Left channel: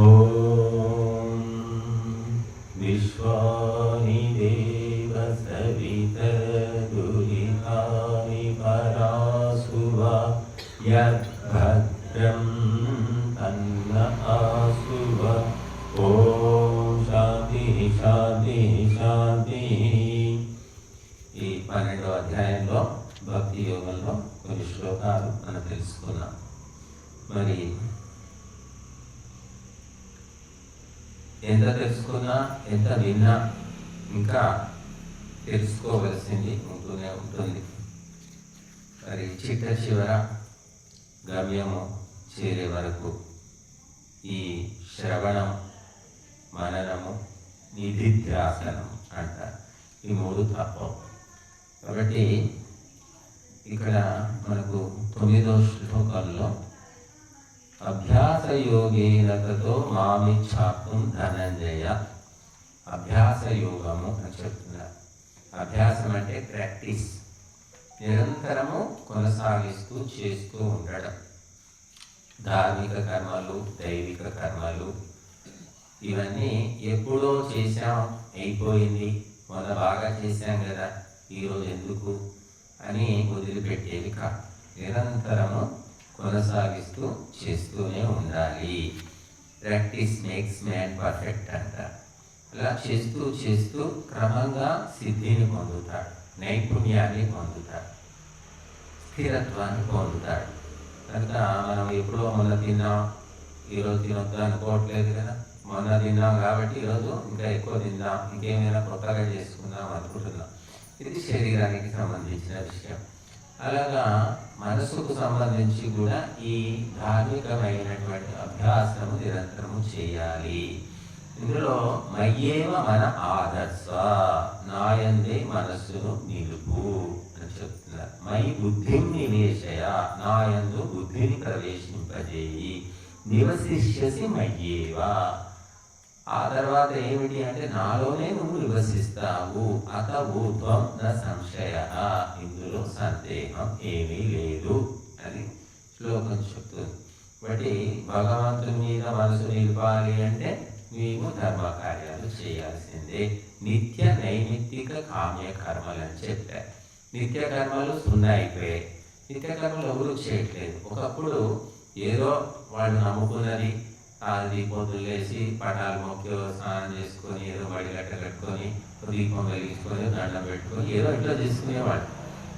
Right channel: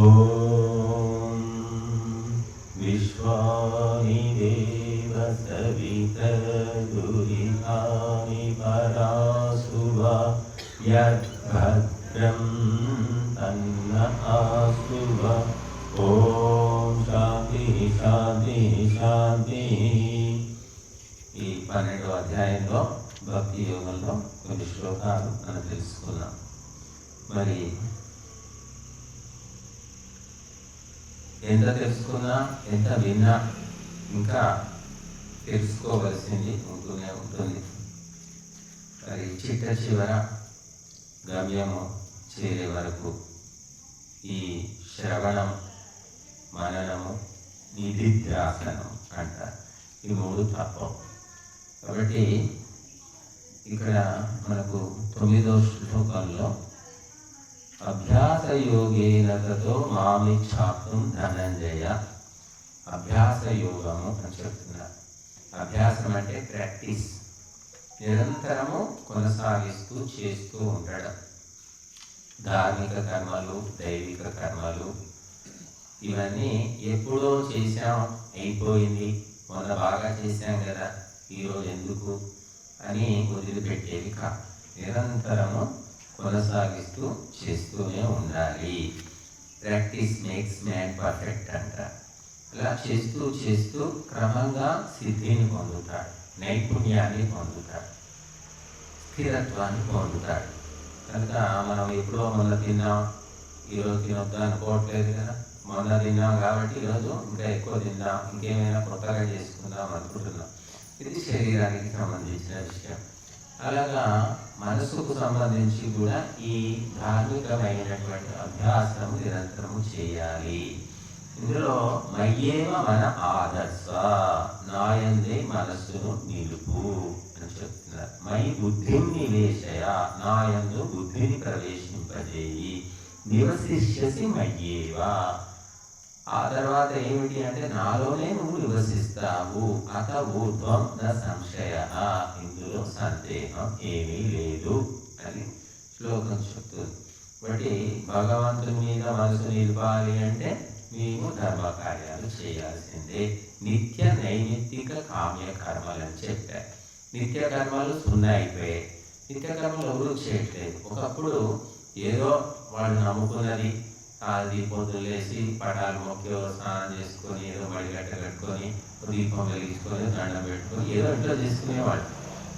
ఓం విశ్వాని దేవ సవితరురిహాని పరాసువ యద్భద్రం తన్న ఆసువ. ఓం శాంతి శాంతి శాంతి. ఈ 12వ అధ్యాయంలో భక్తి యోగంలో కొన్ని శ్లోకాలు మనం తెలుసుకున్నాం. మరి ఎంత తెలుసుకున్నా, ఎంత విన్నా ఇంకా తెలుసుకోవలసింది ఉంటూనే ఉంటుంది. మరి చిట్ట చివర గమ్యము చేరే వరకు ఈ శ్రవణం, మననము, నిధిధ్యాసనం అంటారు. ఈ 3 తప్పవు. కాబట్టి ఇక్కడ మనకు 9వ శ్లోకంలో అభ్యాస యోగేన తతో మామిచ్ఛాతుం ధనంజయ. అభ్యాస యోగము అని చెప్తున్నారు. అభ్యాసం అంటే ప్రాక్టీస్, నిరంతరము కొనసాగిస్తూ చేస్తూ ఉండడం. ధార్మిక కర్మలు, దైవిక కర్మలు ఇవన్నీ ఎప్పుడో చేశాం, అయిపోయింది, మొన్న బాగా చేశాం కదా, ఈరోజు ఎందుకు అని వదిలిపెట్టేవి కాదు. నిరంతరము కొనసాగిస్తూ చేస్తూనే ఉండాలి. ప్రాక్టీస్ మేక్స్ మ్యాన్ పర్ఫెక్ట్ అంటారు. అలా చేస్తూ చేస్తూ క్రమంగా సిద్ధిని పొందుతాడు, నైపుణ్యాన్ని పొందుతాడు, స్థిరత్వాన్ని పొందుతాడు. కనుక మనం ఎప్పుడో మొన్న తిన్నాం, ఈరోజు తినొద్దు అనుకోవట్లేదు కదా. మొన్న తిన్నాం కాబట్టి ఈరోజు ఇంకా ఎక్కువ తిందాం, ఇంకేమైనా కొత్తగా చేసుకుందాం అనుకుంటున్నాం. ఇది శరీరానికి సంబంధించిన విషయం. అలాగా మనసుకు సంబంధించి కూడా ఈ ధార్మికమైనటువంటి అభ్యాసం నిరంతరము చేయాలి. ఇందులో మయ్యేవ మన ఆదర్శ, నాయందే మనస్సును నిలుపు అని చెప్తున్నారు. మై బుద్ధిని నివేశయ, నాయందు బుద్ధిని ప్రవేశింపజేయి, నివసిష్యసి మయ్యేవ. ఆ తర్వాత ఏమిటి అంటే నాలోనే నువ్వు నివసిస్తావు. అత ఊర్ధ్వం న సంశయ, ఇందులో సందేహం ఏమీ లేదు అని శ్లోకం చెప్తుంది. కాబట్టి భగవంతుని మీద మనసు నిలపాలి అంటే నీవు ధర్మ కార్యాలు చేయాల్సిందే. నిత్య నైమిత్తిక కామ్య కర్మలు అని చెప్పారు. నిత్య కర్మలు 0 అయిపోయాయి. నిత్య కర్మలు ఎవరూ చేయట్లేదు. ఒకప్పుడు ఏదో వాళ్ళు నమ్ముకున్నది, అది పొద్దులేసి పటాలు మొక్కి స్నానం చేసుకొని ఏదో మడిగట్ట కట్టుకొని దీపం వెలిగించుకొని దండం పెట్టుకొని ఏదో ఇట్లా చేసుకునేవాళ్ళు.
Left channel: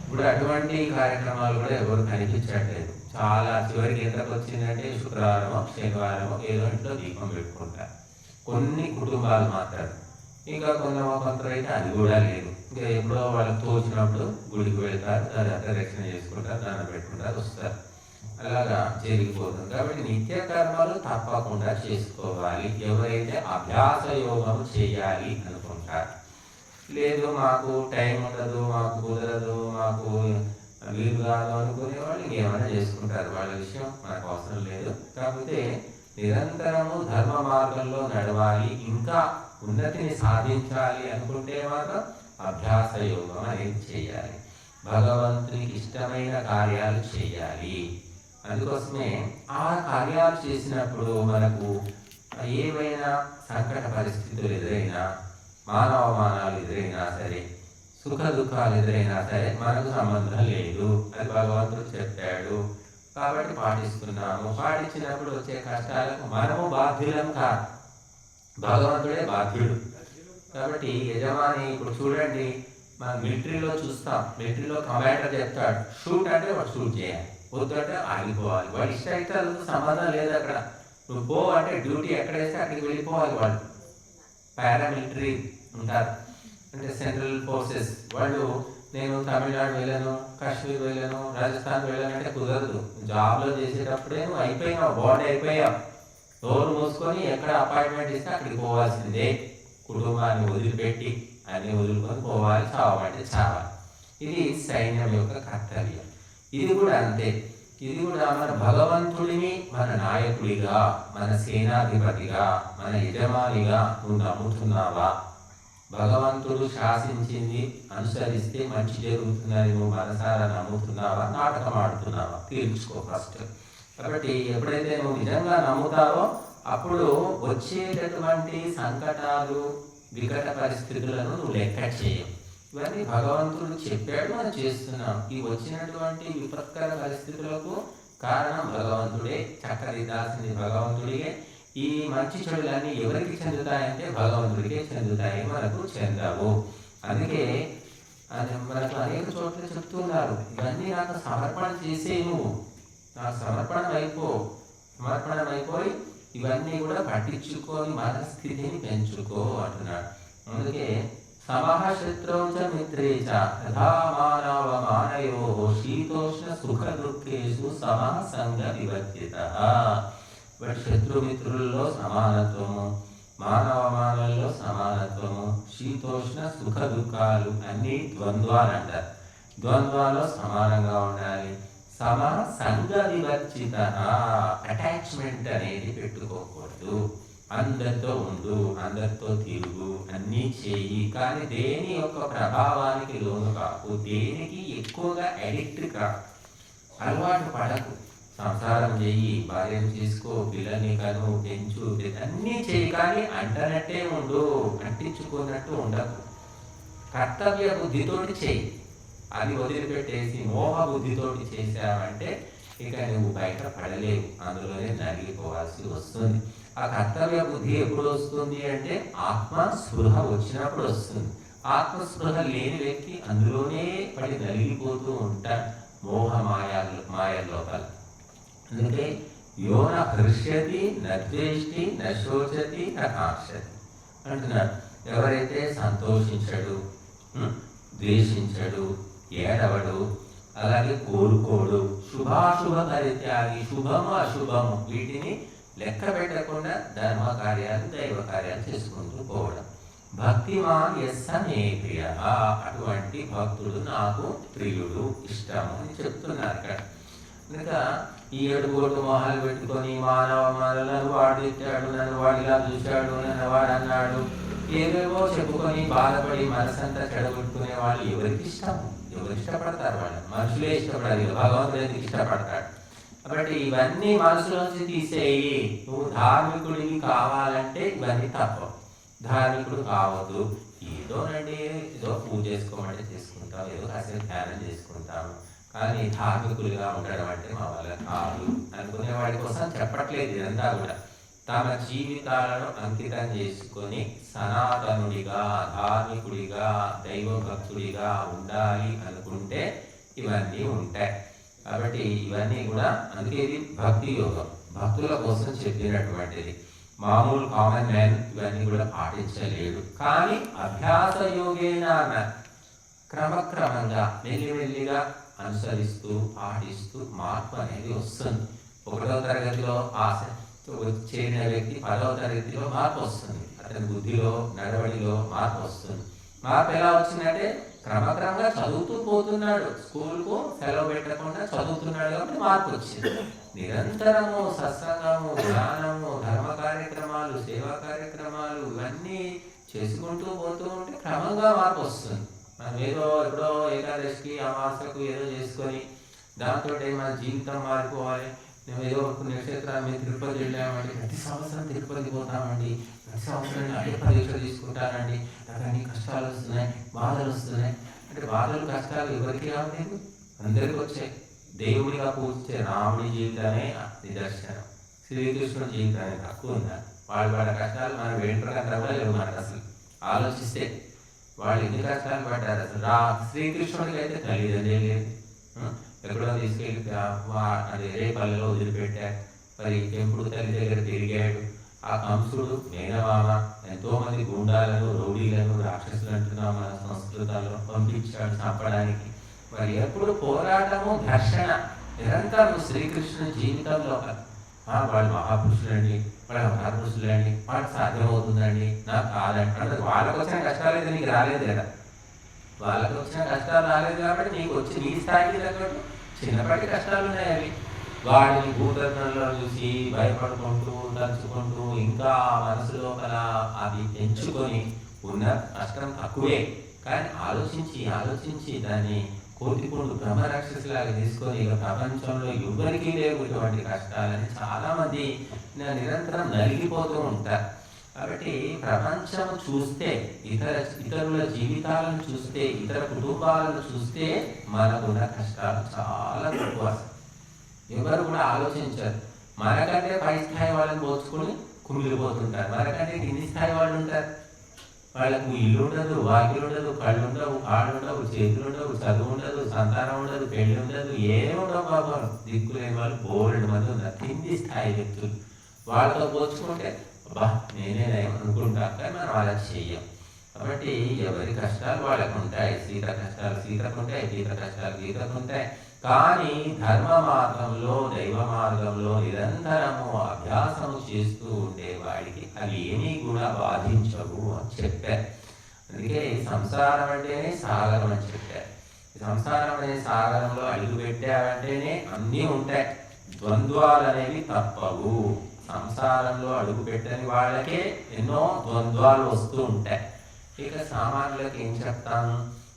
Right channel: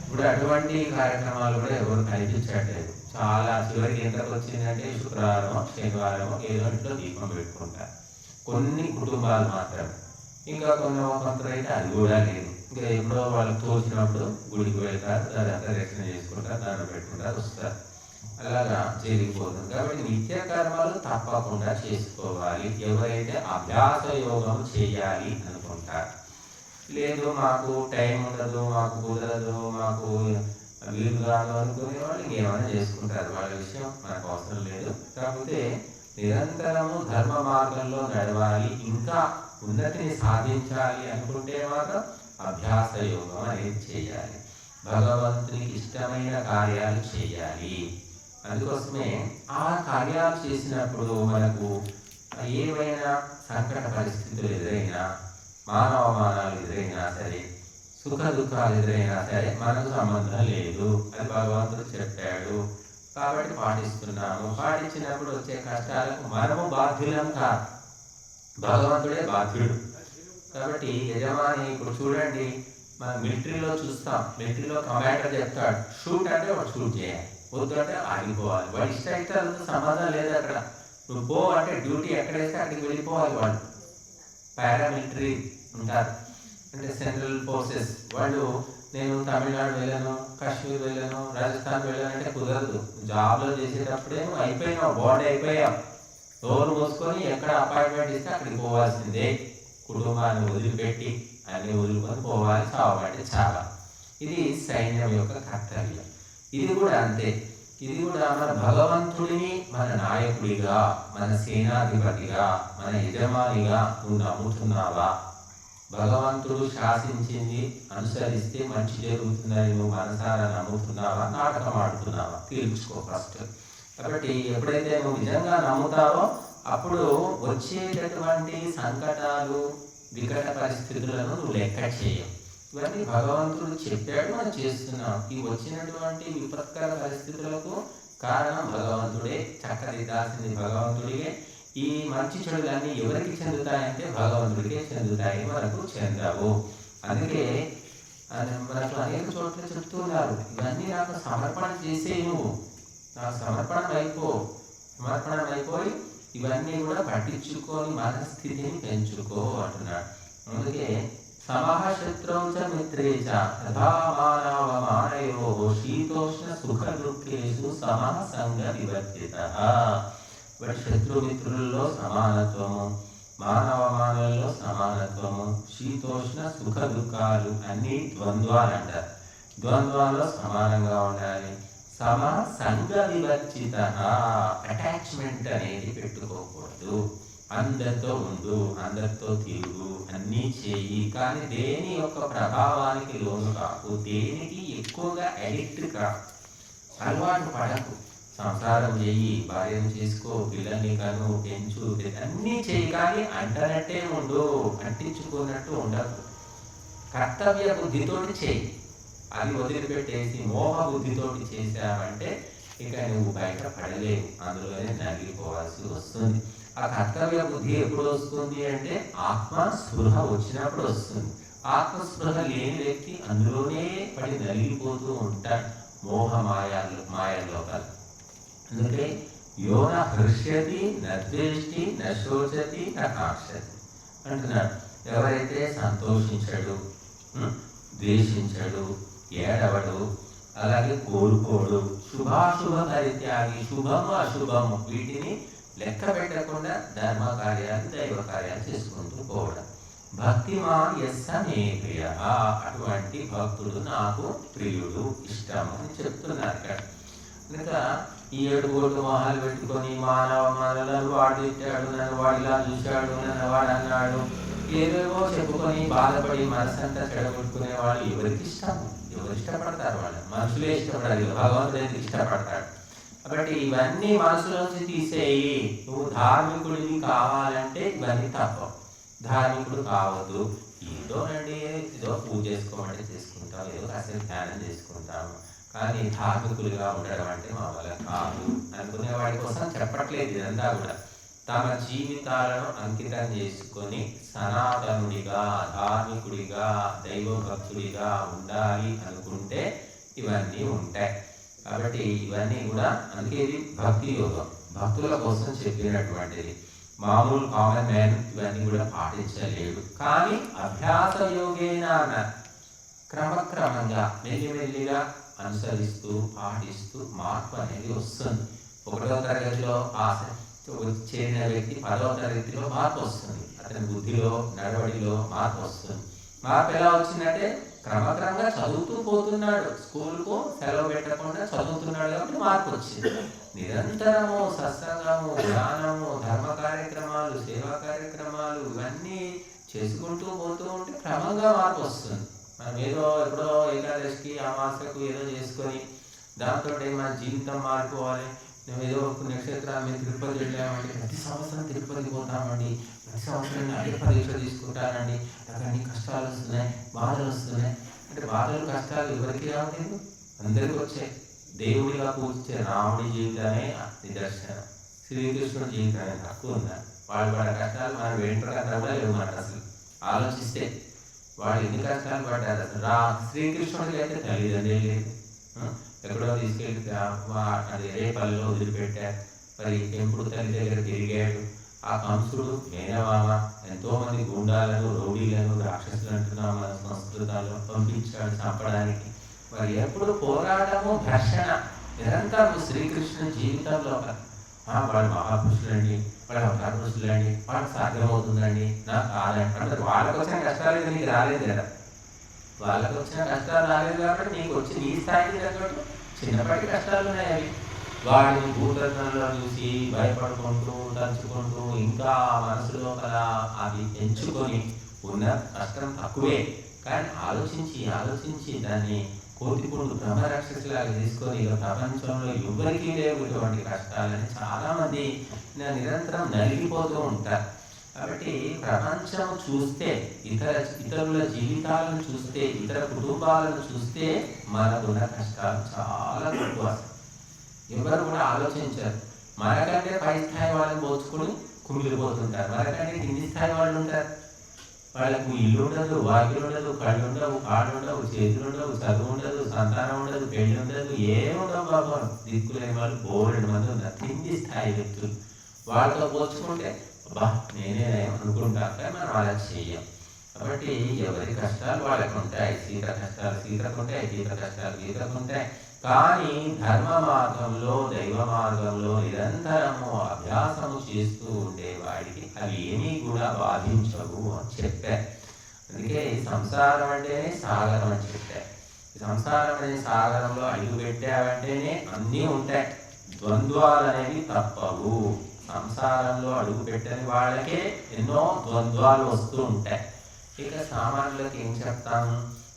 ఇప్పుడు అటువంటి కార్యక్రమాలు కూడా ఎవరు కనిపించట్లేదు. చాలా చివరికి ఎంతకు వచ్చిందంటే శుక్రవారం, శనివారం ఏదో ఇంట్లో దీపం పెట్టుకుంటారు కొన్ని కుటుంబాలు మాత్రం. ఇంకా కొంతైతే అది కూడా లేదు. ఇంకా ఎప్పుడో వాళ్ళు తోచినప్పుడు గుడికి వెళ్తారు, దర్శనం చేసుకుంటారు, దండం పెట్టుకుంటారు, వస్తారు. అలాగా జరిగిపోతుంది. కాబట్టి నిత్య కర్మలు తప్పకుండా చేసుకోవాలి. ఎవరైతే అభ్యాస యోగం చేయాలి అనుకుంటారు, లేదు మాకు టైం ఉండదు, మాకు కుదరదు, మాకు వీలు కాదు అనుకునే వాళ్ళు ఇంకేమైనా చేసుకుంటారు. వాళ్ళ విషయం మనకు అవసరం లేదు. కాకపోతే నిరంతరము ధర్మ మార్గంలో నడవాలి, ఇంకా ఉన్నతిని సాధించాలి అనుకుంటే మాత్రం అభ్యాస యోగం అనేది చేయాలి. భగవంతునికి ఇష్టమైన కార్యాలు చేయాలి. అందుకోసమే ఆ కార్యాలు చేసినప్పుడు మనకు ఏమైనా సంకట పరిస్థితులు ఎదురైనా, మానవమానాలు ఎదురైనా సరే, సుఖ దుఃఖాలు ఎదురైనా సరే మనకు సంబంధం లేదు. అది భగవంతుడు చెప్పాడు కాబట్టి పాటిస్తున్నాము. పాటించినప్పుడు వచ్చే కష్టాలకు మనము బాధ్యులం కాదు, భగవంతుడే బాధ్యుడు. కాబట్టి యజమాని ఇప్పుడు చూడండి, మనం మిలిటరీలో చూస్తాం, మిలిటరీలో కమాండర్ చెప్తాడు షూట్ అంటే వాడు షూట్ చేయాలి, వద్దంటే ఆగిపోవాలి. వాడి ఇష్టాలతో సంబంధం లేదు. అక్కడ నువ్వు పో అంటే డ్యూటీ ఎక్కడేస్తే అక్కడికి వెళ్ళిపోవాలి. వాళ్ళు పారామిలిటరీ ఉంటారు, అంటే సెంట్రల్ ఫోర్సెస్. వాళ్ళు నేను తమిళనాడు వెళ్ళను, కాశ్మీర్ వెళ్ళను, రాజస్థాన్ వెళ్ళను అంటే కుదరదు. జాబ్లో చేసేటప్పుడే నువ్వు అయిపోయినావు, బాండ్ అయిపోయావు. డోర్ మూసుకొని ఎక్కడ అపాయింట్మెంట్ ఇస్తే అక్కడికి పోవాల్సిందే. కుటుంబాన్ని వదిలిపెట్టి అన్ని వదులుకొని పోవాలి, చావమంటే చావాలి. ఇది సైన్యం యొక్క కర్తవ్యం. ఇది కూడా అంతే. ఇది కూడా మన భగవంతుడిని మన నాయకుడిగా, మన సేనాధిపతిగా, మన యజమానిగా నువ్వు నమ్ముతున్నావా? భగవంతుడు శాసించింది అనుసరిస్తే మంచి జరుగుతుందని నువ్వు మనసారా నమ్ముతున్నావా, నాటకం ఆడుతున్నావా? తీర్చుకో ఫస్ట్. కాబట్టి ఎప్పుడైతే నువ్వు నిజంగా నమ్ముతావో అప్పుడు వచ్చేటటువంటి సంకటాలు, వికట పరిస్థితులను నువ్వు లెక్క చేయవు. ఇవన్నీ భగవంతుడు చెప్పాడు, మనం చేస్తున్నాం. ఈ వచ్చినటువంటి విపత్కర పరిస్థితులకు కారణం భగవంతుడే, చక్కదిద్దాల్సింది భగవంతుడిగే. ఈ మంచి చెడులన్నీ ఎవరికి చెందుతాయంటే భగవంతుడికే చెందుతాయి, మనకు చెందవు. అందుకే మనకు అనేక చోట్ల చెప్తున్నారు, ఇవన్నీ నాకు సమర్పణ చేసే, నువ్వు నాకు సమర్పణం అయిపోయి ఇవన్నీ కూడా పట్టించుకొని మనస్థితిని పెంచుకో అంటున్నాడు. అందుకే సమః శత్రౌ చ మిత్రే చ తథా మానవమానయో శీతోష్ణ సుఖ దుఃఖేషు సమః సంగ వివర్జితః. బట్ శత్రుమిత్రుల్లో సమానత్వము, మానవమానవుల్లో సమానత్వము, శీతోష్ణ సుఖ దుఃఖాలు అన్నీ ద్వంద్వాలు అంటారు. ద్వంద్వాల్లో సమానంగా ఉండాలి. సమ సంగ వివర్జిత, అటాచ్మెంట్ అనేది పెట్టుకోకూడదు. అందరితో ఉండు, అందరితో తిరుగు, అన్నీ చేయి, కానీ దేని యొక్క ప్రభావానికి లోను కాకు, దేనికి ఎక్కువగా అడిక్ట్ కా, అలవాటు పడకు. సంసారం చేయి, భార్యను చేసుకో, పిల్లల్ని కను, పెంచు, అన్నీ చేయి, కానీ అంటనట్టే ఉండు, అంటించుకున్నట్టు ఉండకు. కర్తవ్య బుద్ధితోటి చేయి. అది వదిలిపెట్టేసి మోహ బుద్ధితోటి చేసావంటే ఇక నువ్వు బయట పడలేవు, అందులోనే నలిగిపోవాల్సి వస్తుంది. ఆ కర్తవ్య బుద్ధి ఎప్పుడు వస్తుంది అంటే ఆత్మస్పృహ వచ్చినప్పుడు వస్తుంది. ఆత్మస్పృహ లేని వ్యక్తి అందులోనే పడి నలిగిపోతూ ఉంటాడు, మోహ మాయ లోపల. అందుకే యోన హృష్యతి నద్వేష్టి నశోచతి నకాంక్షతి అంటున్నాడు. ఎవరైతే సంతోషించడు, ద్వేషించడు, ఏడవడు, అలాగే కోరుకోడు, శుభాశుభ పరిత్యాగి, శుభము అశుభము వీటిని లెక్క పెట్టకుండా ధర్మ కార్యాలు, దైవ కార్యాలు చేసుకుంటూ పోవడం. భక్తిమాన్ యస్స మే ప్రియ, అటువంటి భక్తుడు నాకు ప్రియుడు, ఇష్టం అని చెప్తున్నారు ఇక్కడ. కనుక ఈ ఏడుగోడు మొహాలు పెట్టుకొని మానవులను వాడు తిట్టాడు, నన్ను వాడు ఇలా చూశాడు, నన్ను వాడు అన్నాడు, ఏవేవో చెప్పుకొని బాధపడి మనసంతా చెడగొట్టుకునే వాళ్ళు ఎవరికి ఇష్టం? ఎవరు ఇష్టపడతారు? వాళ్ళు మనుషులే ఇష్టపడాలి, భగవంతుడు ఎందుకు ఇష్టపడతాడు? కాబట్టి ఇవన్నీ మనసులోంచి తీసేయి. నువ్వు ధార్మికుడివి కావాలంటే ఇవన్నీ తప్పవు. ధార్మికుడు కావద్దు, ఏదో పూజ చేసుకోమంటే చేసుకుంటాం, ఏదో కాసేపు ధ్యానం చేసుకుంటాం, కానీ ధార్మికులుగా ఉండడం అంటే మా వల్ల కాదు అనుకునే వాడి కోసం చెప్పట్లేదు. ఇదంతా కూడా తమ జీవితాలను అంకితం చేసుకొని సనాతనుడిగా, ధార్మికుడిగా, దైవభక్తుడిగా ఉండాలి అనుకుంటే ఇవన్నీ ఉంటాయి. కాబట్టి ఇవన్నీ కూడా, అందుకే ఇది భక్తి యోగం, భక్తుల కోసం చెప్పినటువంటిది. మామూలు కామన్ మ్యాన్ ఇవన్నీ కూడా పాటించలేడు. కానీ అభ్యాస యోగేన క్రమక్రమంగా మెల్లిమెల్లిగా అనుసరిస్తూ పాటిస్తూ మార్పు అనేది వస్తుంది. 1వ తరగతిలో చేరిన వ్యక్తి 10వ తరగతిలో మార్పు వస్తుంది. అతని బుద్ధిలో, నడవడిలో మార్పు వస్తుంది. మార్పు ఎలా వచ్చిందంటే క్రమక్రమంగా చదువుతూ పోతున్నాడు, స్కూల్కు సెలవు పెట్టకుండా చదువుతున్నాడు, కాబట్టి మార్పు వచ్చింది. నిరంతరము సత్సంగము, ధ్యానము, ధర్మ కార్యక్రమాలు, సేవా కార్యక్రమాలు ఇవన్నీ చేసుకుంటూ పోతూ ఉంటే క్రమంగా మార్పు వస్తుంది. మనం ఏదో ఎప్పుడో ఏకాదశికి, అమావాస్యకు ఏదో చేసుకొని దాంతో మన జీవితం మారిపోవాలి, మేము ఏదో పుణ్యక్షేత్రాన్ని మేము తిరుపతి వెళ్ళామండి, ప్రతి సంవత్సరం తిరుపతి పోతామండి, ప్రతి సంవత్సరం అయ్యప్ప దీక్ష తీసుకుంటానండి, నాకు అన్ని కష్టాలు వస్తున్నాయి, బాధలు వస్తున్నాయి అంటే బాధలు కష్టాలు ఎవరికి రావట్లేదు? అందరికీ వచ్చాయి. దేవుడిగా పూజించే రాముడి జీవితమే నిదర్శనం, శ్రీకృష్ణుడి జీవితమే తక్కువ ఉందా? వాళ్ళు పడే కష్టాలు మనం వెంటనంతా కూడా లేవు. మనకు అసలు ఆలోచిస్తే వాళ్ళు ఎన్ని కష్టాలు పడ్డారు. అసలు శ్రీకృష్ణుడికి అయితే తల్లిదండ్రులే లేదు, ఎక్కడో తీసుకెళ్ళి అది రేపల్లిలో వదిలిపెట్టాడు, మరి పెంపుడు తల్లి దగ్గర తిరిగాడు. ఆ కంసుడు, మేనమామ ఎంతోమంది గుండాలను, రౌడీలను, రాక్షసులు అంటున్నాం మన సంస్కృతంలో, పంపించాడు చంపడానికి. మరి ఎప్పుడు పోరాటము, ఘర్షణ నిరంతరం శ్రీకృష్ణుని జీవితంలో. వాళ్ళు మహాపురుషులండి, వాళ్ళు మహాపురుషులండి, వాళ్ళకి సాధ్యమవుతుందండి, నాకు కాదండి అంటే వాళ్ళకి వచ్చిన కష్టాలు అయితే నీకు రాలేదు కదా. వాళ్ళకి వచ్చిన కష్టాలు రాలేదు కాబట్టి నీకు వచ్చి నీ స్థాయికి తగ్గట్టు చిన్నపాటి కష్టాలు ఉన్నాయి. అవి వాడిని భూతరణంలో చూసి భయపడుకుంటూ, తలుచుకుంటూ, ఇంకా మనసులో అది ఎంచుకొని ఉన్న కష్టం తక్కువే. కానీ ఆలోచించి దాన్ని కోతిపుండు బ్రహ్మరాక్షసులాగా తీసుకొని ఇక ప్రపంచంలో ఎవరికీ లేవు ఇటువంటి కష్టాలని చాలామంది నిరంతరం నలిగిపోతూ ఉంటారు. కాబట్టి ప్రపంచం చూస్తే, ఇతరుల జీవితాలను చూస్తే, ఇతర కుటుంబాలను చూస్తే మనకున్న కష్టాలు చాలా ఎక్కువ. ఎవరు కూడా ఆలోచించారు. మనకంటే పై స్థాయి వాళ్ళని పోల్చుకుని కుమిలిపోతుంటారు. మనకంటే కింది స్థాయి వాళ్ళు ఉంటారు. వాళ్ళకు ఇల్లు ఉండదు, వాకిలు ఉండదు, కళ్ళు ఉండవు, కాళ్ళు ఉండవు, చేతులు ఉండవు, చదువు ఉండదు, సంతానం ఉండదు, పెళ్లి ఉండదు, ఏముండవు. బాబు దిక్కులేని వాళ్ళు బోలెడు మంది ఉన్నారు కింది స్థాయి వ్యక్తులు. వాళ్ళతో పోల్చుకుంటే అబ్బా నేనే అనుకుంటా, కానీ మనం అలా చెయ్యం. కాబట్టి ఎవరి కష్టాలు వాళ్ళకు ఉంటాయి. సీత కష్టాలు సీతకుంటాయి, గీత కష్టాలు గీతకుంటాయి. కానీ ధర్మ మార్గంలో, దైవ మార్గంలో నిరంతరము అభ్యాసము చేస్తూ ఉండేవాడికి అవి ఏమీ కూడా బాధించవు అని చెప్పారు. అందుకే సంసారం అంటేనే సాగరం అని చెప్పారు. సంసారం అనే సాగరంలో అడుగు పెట్టావంటేనే అన్నీ ఉంటాయి. ద్వంద్వాలు అనేవి తప్పవు. సంసారంలో అడుగు పెట్టని వాళ్ళకే ఎన్నో ద్వంద్వాలు వస్తూ ఉంటాయి. ఇక సామాన్యులకు ఏం చెప్తాము?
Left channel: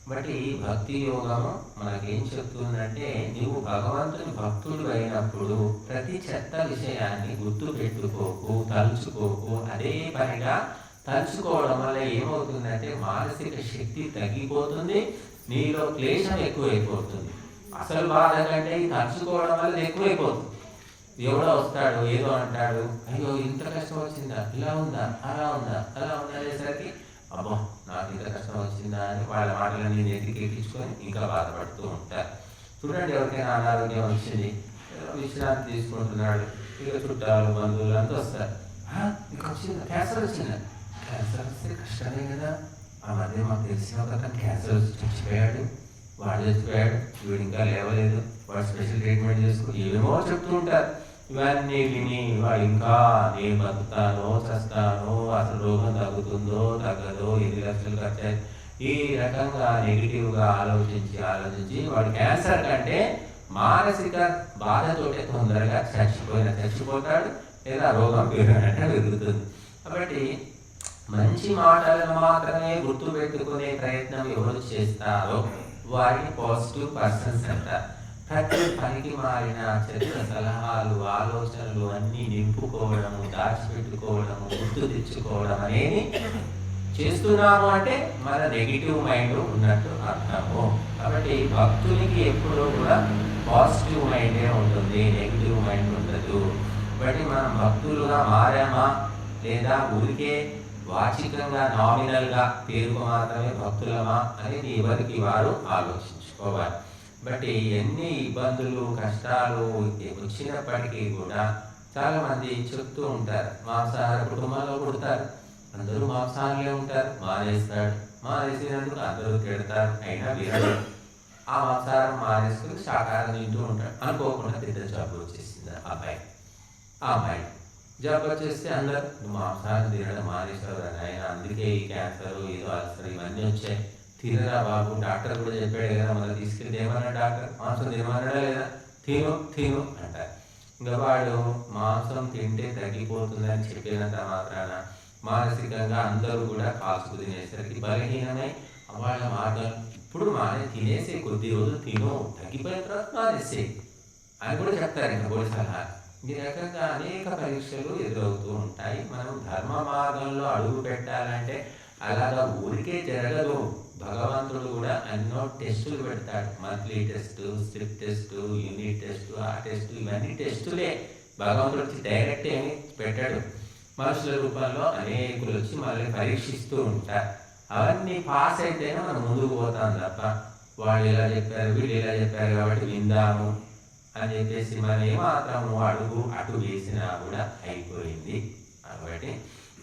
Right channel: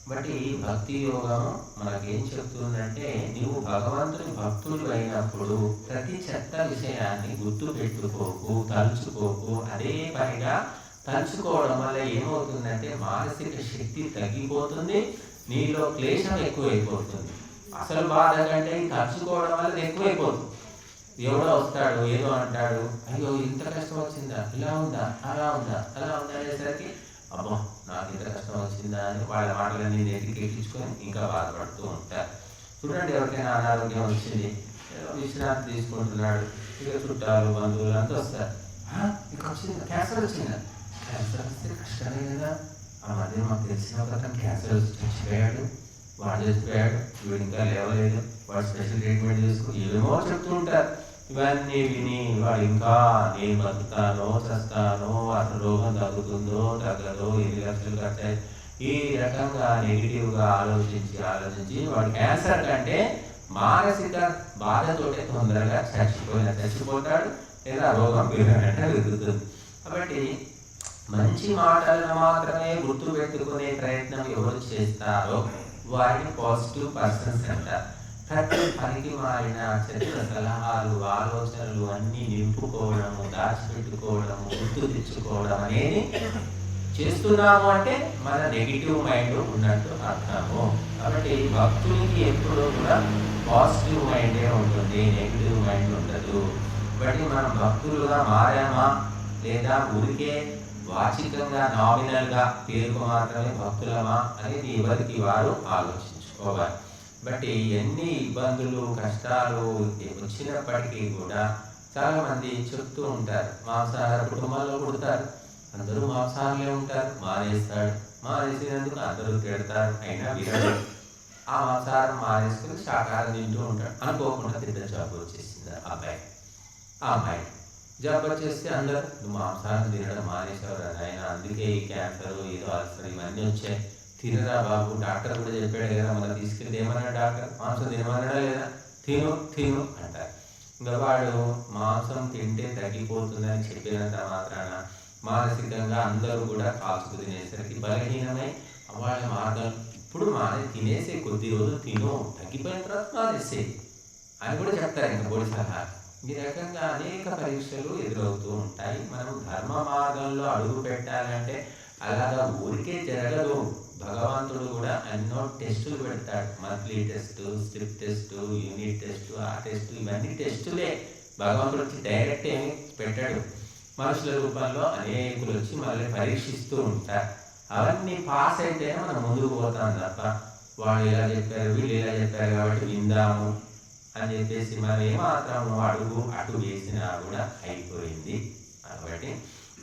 బట్టి భక్తి యోగము మనకేం చెప్తుందంటే, నువ్వు భగవంతుని భక్తుడు అయినప్పుడు ప్రతి చెత్త విషయాన్ని గుర్తు పెట్టుకోకు, తలుచుకోకు. అదే పనిగా తలుచుకోవడం వల్ల ఏమవుతుందంటే మానసిక శక్తి తగ్గిపోతుంది, నీలో క్లేశం ఎక్కువైపోతుంది. అసలు బాధ కంటే ఈ తలుచుకోవడం వల్ల ఎక్కువైపోతుంది. ఎవడో వస్తాడు, ఏదో అంటాడు, అయ్యో ఇంత కష్టం వచ్చిందా, ఇలా ఉందా, అలా ఉందా, అలా ఉందా అనేసరికి అబ్బా నాకు ఇంత కష్టం వచ్చిందా అని వాళ్ళ మాటలన్నీ నెత్తికెక్కించుకొని ఇంకా బాధపడుతూ ఉంటారు. చూడండి, ఎవరికైనా అనారోగ్యం వచ్చింది, ఏదో విశ్రాంతి తీసుకుంటున్నాడు, ఇక చుట్టాలు బంధువులు అంతా వస్తారు. నీకు వచ్చిందా, క్యాన్సర్ వచ్చిందా? క్యాన్సర్ వస్తే కష్టమే కదా. ఆ మధ్య మాకు తెలిసిన ఒక క్యాన్సర్ వచ్చి చచ్చిపోయాడు, వాడు చచ్చిపోయాడు, వీడు ఇంకా లేవలేదు, వాడు స్పెషల్ ట్రీట్మెంట్ చేసుకుని ఏమో చెప్తుంటారు. ఇవన్నీ విని వాడు ఇంకా నేను బతుకుతానో చస్తానో, అసలు రోగం తగ్గుతుందో తగ్గదో, 8 లక్షలు ఖర్చు, ఈ రకంగా నెగిటివ్గా ఆలోచించి వాడు క్యాన్సర్ కంటే మానసిక బాధతోటే తొందరగా చచ్చిపోతాడు, లేదా రోగం పెరుగుతుంది. కాబట్టి మంచి మాటలను మాత్రమే గుర్తుపెట్టుకునే ప్రయత్నం ఎవరు చేస్తారో వారిని పాజిటివ్ పర్సన్స్ అంటారు. ప్రతి పనికి మారిన చెత్త సలహాలు, ఆలోచనలు అన్నీ నింపుకోవడము, దాచిపెట్టుకోవడము, గుర్తు తెచ్చుకోవడం అనేది చేస్తున్నాము అంటే మన నెగిటివ్ మైండ్ ఉన్నట్టు అర్థము. కాబట్టి భక్తునికి ఎప్పుడు కూడా పాజిటివ్ మైండే ఉంటుంది, నెగిటివ్ మైండ్ ఉండదు. కాబట్టి మనం భక్తులుగా మారామా లేదా ఊరికే వాచికంగా నామినల్గా పేరుకు మాత్రమే భక్తులమా అనేది ఎవరికి వారు ఆలోచించుకోవాలి. బట్టి ఎన్ని ఇబ్బందులు కష్టాలు వచ్చినప్పటికీ కూడా చాలామంది చెప్తూ ఉంటారు, మాంసాహార కుటుంబంలో పుడతారు, అందరూ మాంసాహారులే ఉంటారు, మానేసినందుకు అందరూ తిడతారు, అయినా వినడు. ఆ మాంసాహారం మానేసుకుని శాకాహారం తింటూ ఉంటాడు. అనుకోకుండా పెద్ద జబ్బు వచ్చేసింది ఆ అమ్మాయి జబ్బు వచ్చేస్తే అందరూ నువ్వు మాంసాహారం తినడం మానేసావు ఆయన, అందుకే ఈ క్యాన్సర్ ఏదో అల్సర్ ఇవన్నీ వచ్చాయి, తినరా బాబు. డాక్టర్ కూడా చెప్పాడు కదా, మనం తీసుకెళ్తే ఏమన్నాడు డాక్టర్, మాంసం తినమన్నాడా లేదా, తిను అంటారు. ఇంకా వాడు మాంసం తింటే తగ్గిపోతుందని చెప్పినంత మాత్రాన మానసికంగా అందరూ కూడా కాల్చుకు తినేసరికి బలహీనమై వాళ్ళ మార్గం ఇప్పుడు తినేసే కొద్ది రోజులు తిను, తగ్గిపోయిన తర్వాత మానేసే అని కూడా చెప్తారు. ఇంకా బోడి సలహా. ఈ రకంగా అనేక పరీక్షలు ఎదురవుతూ ఉంటాయి. మనం ధర్మ మార్గంలో అడుగు పెట్టాలంటే అలాగా ఊరికే జరగదు. భగవంతుడు కూడా ఎన్నో టెస్టులు పెడతాడు. Monthly test, strip test, unit test, ఆ టెస్టు, ఇవన్నీ టెస్టులే. భగవంతుడు వచ్చి డైరెక్ట్ ఏమి పెట్టాడు. మనుషుల రూపంలో అనేకులు వచ్చి మనల్ని పరీక్షిస్తూ ఉంటారు. అవన్నీ పాస్ అయితేనే మనం ముందుకు పోతాం తప్ప వాళ్ళు ఇలా చెప్పారు, వీళ్ళు ఇలా చెప్పారు కాబట్టి విందాము అని చెప్పేసి మనం ఏమాత్రము అడుగు అటు వేసినా కూడా అయిపోయింది. కాబట్టి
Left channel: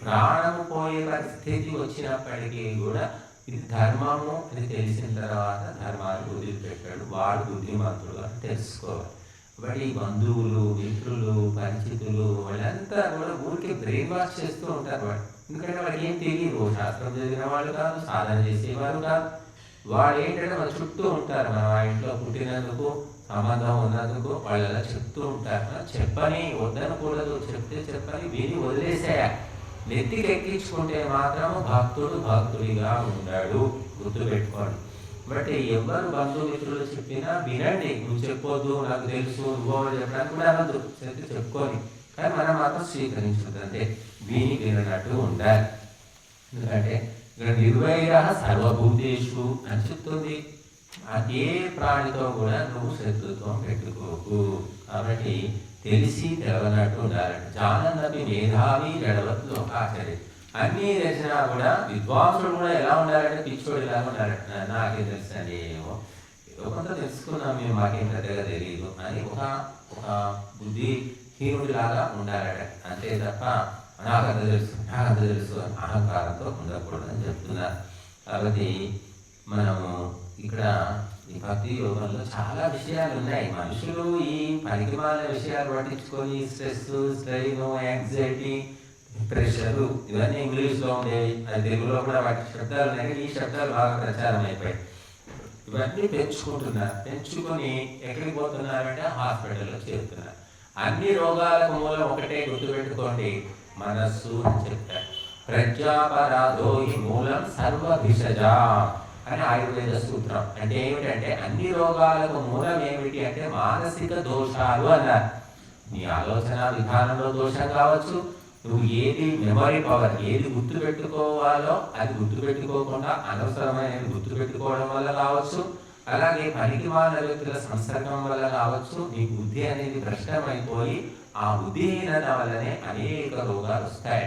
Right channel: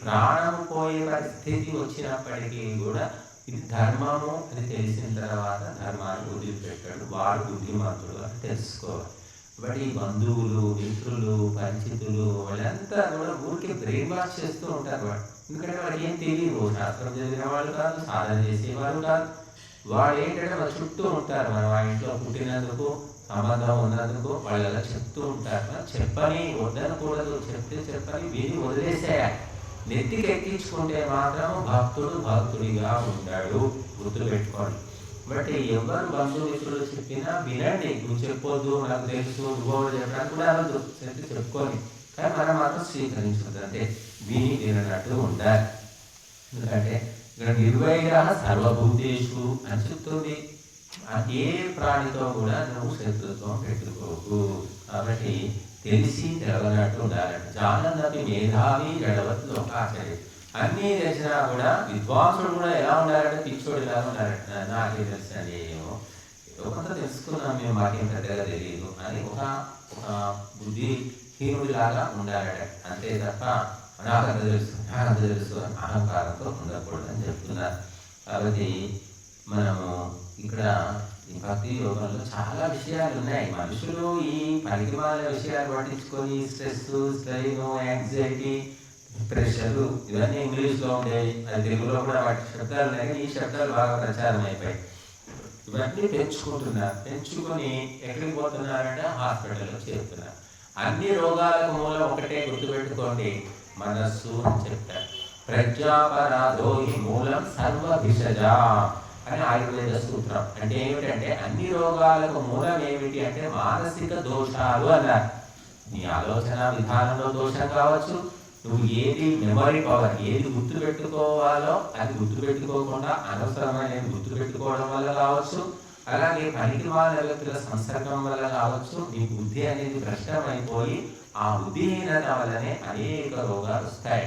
ప్రాణము పోయే పరిస్థితి వచ్చినప్పటికీ కూడా ఇది ధర్మము అని తెలిసిన తర్వాత ధర్మాన్ని వదిలిపెట్టాడు, వాడు బుద్ధిమంతుడు అని తెలుసుకోవాలి. కాబట్టి ఈ బంధువులు, మిత్రులు, పరిచితులు వాళ్ళంతా కూడా ఊరికి బ్రెయిన్ వాష్ చేస్తూ ఉంటారు వాడు. ఎందుకంటే వాళ్ళకి ఏం తెలియదు, శాస్త్రం చదివిన వాళ్ళు కాదు, సాధన చేసేవారు కాదు. వాళ్ళు ఏంటంటే మన చుట్టూ ఉంటారు. మనం ఆ ఇంట్లో పుట్టినందుకు, సంబంధం ఉన్నందుకు వాళ్ళు చెప్తూ ఉంటారు. మనం చెప్పని వద్దనకూడదు, చెప్పని విని వదిలేసేయాలి. నెత్తికి ఎక్కించుకుంటే మాత్రము భక్తుడిగా ఉంటాడు, గుర్తుపెట్టుకోండి. బట్ ఎవరు బంధుమిత్రులు చెప్పినా వినండి. నువ్వు చెప్పొద్దు, నాకు తెలుసు, నువ్వు చెప్పడానికి కూడా అనద్దు, చెప్పుకొని కానీ మనం మాత్రం స్వీకరించుకుంటే వినట్టు ఉండాలి. ఎందుకంటే ఇక్కడ నిర్వైర సర్వభూతేషు అని చెప్తుంది. ఏ ప్రాణితో కూడా నువ్వు శత్రుత్వం పెట్టుకోకు. కాబట్టి తెలిసి తెలవనట్టు ఉండాలంటే జానన్నపి మేధావి గడవత్ లోకాచరి. అన్నీ తెలిసినా కూడా విద్వాంసుడు కూడా ఎలా ఉండాలంటే పిచ్చోడిలాగా ఉండాలంట. నాకేం తెలుసండి, ఏమో ఏదో కొంత తెలుసుకున్నాం మేము, మాకేం పెద్దగా తెలియదు అని ఒక బుద్ధిహీనుడిలాగా ఉండాలట. అంతే తప్ప నాకంత తెలుసు అని అహంకారంతో ఉండకూడదని చెప్తున్నారు. కాబట్టి మనము ఇక్కడ ఈ భక్తి యోగంలో చాలా విషయాలు ఉన్నాయి. మనుషులు ఈ పనికిమాలిన విషయాలు పట్టించుకొని స్ట్రెస్, స్ట్రెయిన్, యాంగ్జైటీ, ప్రెషర్ ఇవన్నీ ఇంగ్లీష్లో ఉండేవి. అది తెలుగులో కూడా వాటి శబ్దాలు ఉన్నాయి, కానీ ఈ శబ్దాలు బాగా ప్రచారం అయిపోయాయి. ఇవన్నీ పెంచుకొని ఎక్కడికి పోతున్నారంటే హాస్పిటల్లో చేరుతున్నారు. అన్ని రోగాలకు మూలం ఒకటే గుర్తుపెట్టుకోండి, మనస్సు అని చెప్తారు. ప్రజ్ఞాపరాధో ఈ మూలం సర్వభిషజా అని ఆయుర్వేద సూత్రం. అంటే ఏమిటంటే అన్ని రోగాలకు మూలం ఏమిటి అంటే మానసిక దోషాలు అన్నారు. నీ ఆలోచన విధానంలో దోషం కావచ్చు, నువ్వు ఏది మెమరీ పవర్, ఏది గుర్తుపెట్టుకోవాలో అది గుర్తుపెట్టుకోకుండా అనవసరమైన గుర్తుపెట్టుకోవడం వల్ల కావచ్చు, అలాగే పనికి మాలిన వ్యక్తుల సంసర్గం వల్ల కావచ్చు, నీ బుద్ధి అనేది భ్రష్టమైపోయి ఆ బుద్ధిహీనత వల్లనే అనేక రోగాలు వస్తాయి.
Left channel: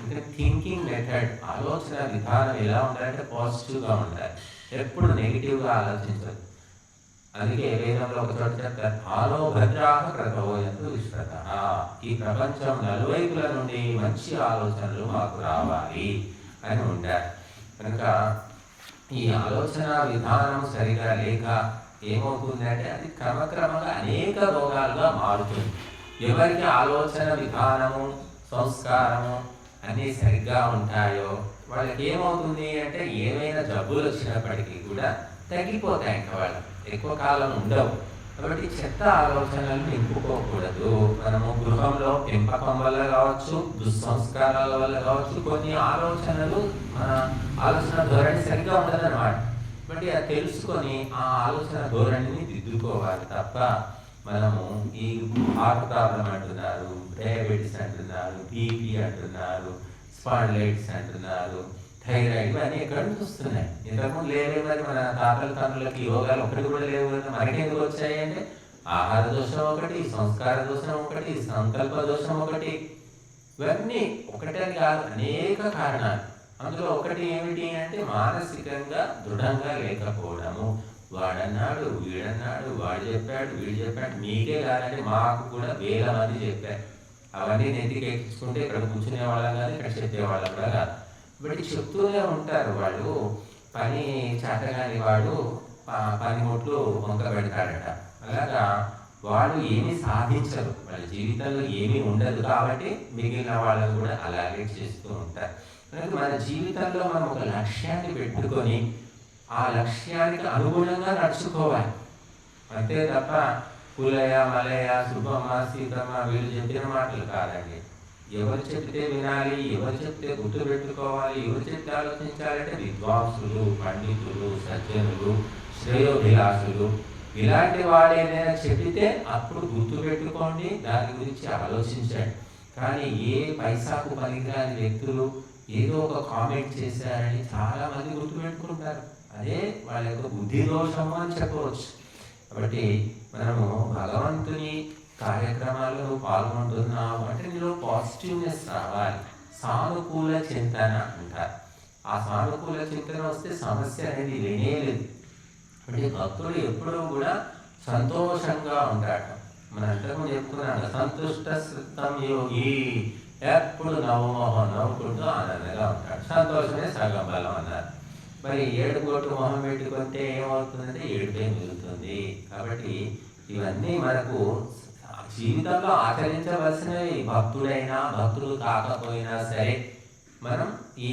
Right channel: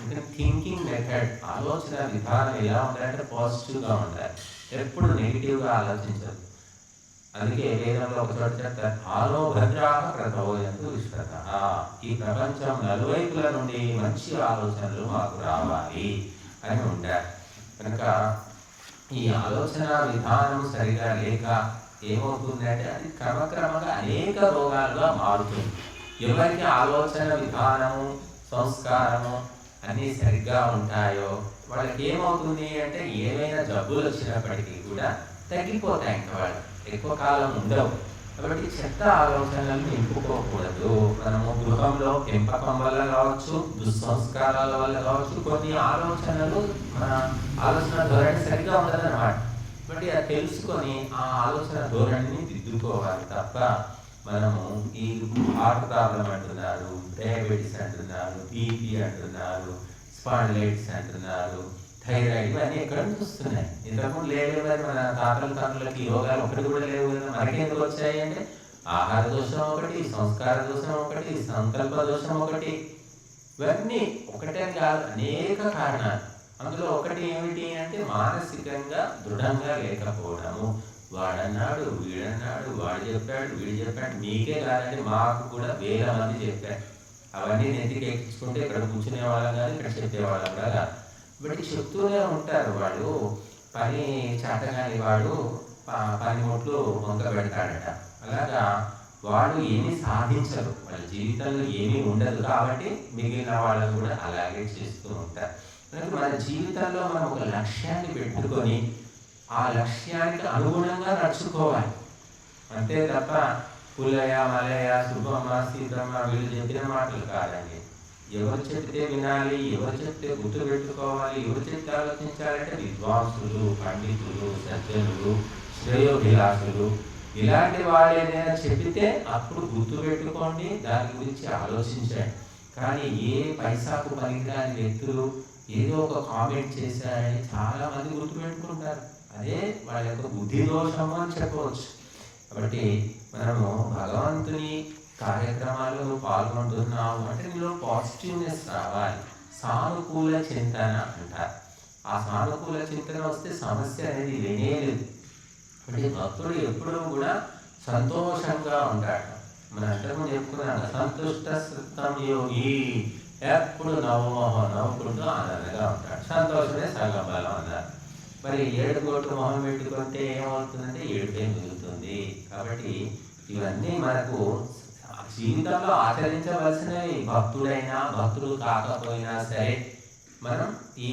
ఇంకా థింకింగ్ మెథడ్, ఆలోచన విధానం ఎలా ఉండాలంటే పాజిటివ్గా ఉండాలి, ఎప్పుడు నెగిటివ్గా ఆలోచించదు. అందుకే వేదంలో ఒక చోట చెప్తారు, ఆరో భద్రాహ క్రతోయంతు విశ్వత. ఈ ప్రపంచం నలువైపుల నుండి మంచి ఆలోచనలు మాకు రావాలి అని ఉంటారు. కనుక ఈ ఆలోచన విధానం సరిగా లేక ఏమవుతుందంటే అది క్రమక్రమంగా అనేక రోగాలుగా మారుతుంది. ఎవరికి ఆలోచన విధానము, సంస్కారము అన్నీ సరిగ్గా ఉంటాయో వాళ్ళకి ఏమవుతుంది అంటే ఏమైనా జబ్బులు వచ్చినప్పటికీ కూడా తగ్గిపోతాయి. ఇంకా వాళ్ళు ఎక్కువ కాలం ఉండవు. కాబట్టి చెత్త ఆలోచనలు నింపుకోకూడదు. మనము గృహంలో పెంపకం వల్ల కావచ్చు, దుస్సంస్కారాల వల్ల కావచ్చు, కొన్ని ఆలోచనలు మన ఆలోచన ధోరణి సరిగ్గా ఉంటుందన్నమాట. బట్ అది తెలుసుకొని ఆ ఆలోచన ధోరణిని దిద్దుకోవాలి తప్ప మనము ఈ హార్ట్ ప్రాబ్లం అంటున్నారు, డయాబెటీస్ అంటున్నారు, బీపీ అంటున్నారు, స్పాండిలైటిస్ అంటున్నారు, థైరాయిడ్, ఇవన్నీ ఎక్కడ నుంచి వస్తున్నాయి? ఇంతకుముందు లేవే మరి మన తాతల తండ్రులకి యోగాలు ఒకటి కూడా లేవు కదా. మనకెందుకు వచ్చాయంటే ఆహార దోషం ఒకటి, సంస్కార దోషం ఒకటి, సంకల్ప దోషం ఒకటి, ఇవన్నీ ఒకటని కాదు, అనేక కారణాలు. అందులో ఒకటి ఏమిటి అంటే మానసికంగా దృఢంగా లేకపోవడము. వాడన్నాడు, వీడన్నాడు, వాడు చెప్పాడు, వీడు చెప్పాడు, మీకే కాదంటే మాకు కూడా వేల మంది చెప్పారు. అవన్నీ నెత్తికి ఎక్కించుకుంటే ఇక్కడ కూర్చునే వాళ్ళం కాదు, ఇక్కడ చెప్పేవాళ్ళం కూడా కాదు. బట్ చెప్తూనే ఉంటారు. వాడు పని చేతగాని వాడు పనిముట్లు వంక పెడతాడంట. అలాగా వాళ్ళు ఏమీ సాధించరు, వాళ్ళ జీవితంలో ఏమీ ఉండదు. కాబట్టి మిగిలిన వాళ్ళని కూడా అలాగే చేస్తూ ఉంటారు. కనుక మన జీవితంలో మనం ఒక లక్ష్యాన్ని పెట్టుకొని ఆ లక్ష్యానికి అనుగుణంగా నడుచుకోవాలి. అంతే తప్ప పుల్లయ్య, మల్లయ్య, సుబ్బమ్మ, సీతమ్మ వీళ్ళు చెప్పిన మాటలు కాదండి. ఎవరు చెప్తే వినాలి, ఎవరు చెప్తే గుర్తుపెట్టుకోవాలి, ఎవరు చెప్తే ఆలోచించాలంటే విద్వాంసులు, పండితులు, సజ్జనులు, శ్రేయోభిలాషులు, ఇలాంటి వాళ్ళు ఏదైనా చెబితే అప్పుడు గుర్తుపెట్టుకోండి, దాని గురించి ఆలోచించండి. కానీ ఏ పైసాకు పనికిరాని వ్యక్తులు ఏదో ఒక కామెంట్ చేశారని చాలామంది గుర్తుపెట్టుకుంటారు. అదే వాళ్ళ యొక్క బుద్ధి దోషము అని చెప్పవచ్చు. కాబట్టి మనము భగవంతుని కార్యక్రమాల్లో నువ్వు పాల్గొంటున్నావు అంటే నీలో పాజిటివ్నెస్ రావాలి. సానుకూల చింతన అంటారు. ఆ సానుకూల చింతన వస్తే సమస్య అనేది లేనేలేదు. అంటే భక్తుడు ఎప్పుడూ కూడా సంతోషంగా ఉంటాడు. మన అంతకుముందు చెప్పుకున్నాను, సంతుష్ట సృతం యోగి, ఎప్పుడు నవ్వుకుంటూ ఆనందంగా ఉంటాడు. సంతోషమే సగం బలం అన్నారు. మరి ఏడుగొట్టు మొహం పెట్టుకుంటే ఏమవుతుందంటే ఏడుపే మిగులుతుంది. కాబట్టి ఇవన్నీ మనకు జీవితంలో ఆచరించవలసినవి. భక్తుడైనా భక్తుడు కాకపోయినా సరే మనం ఈ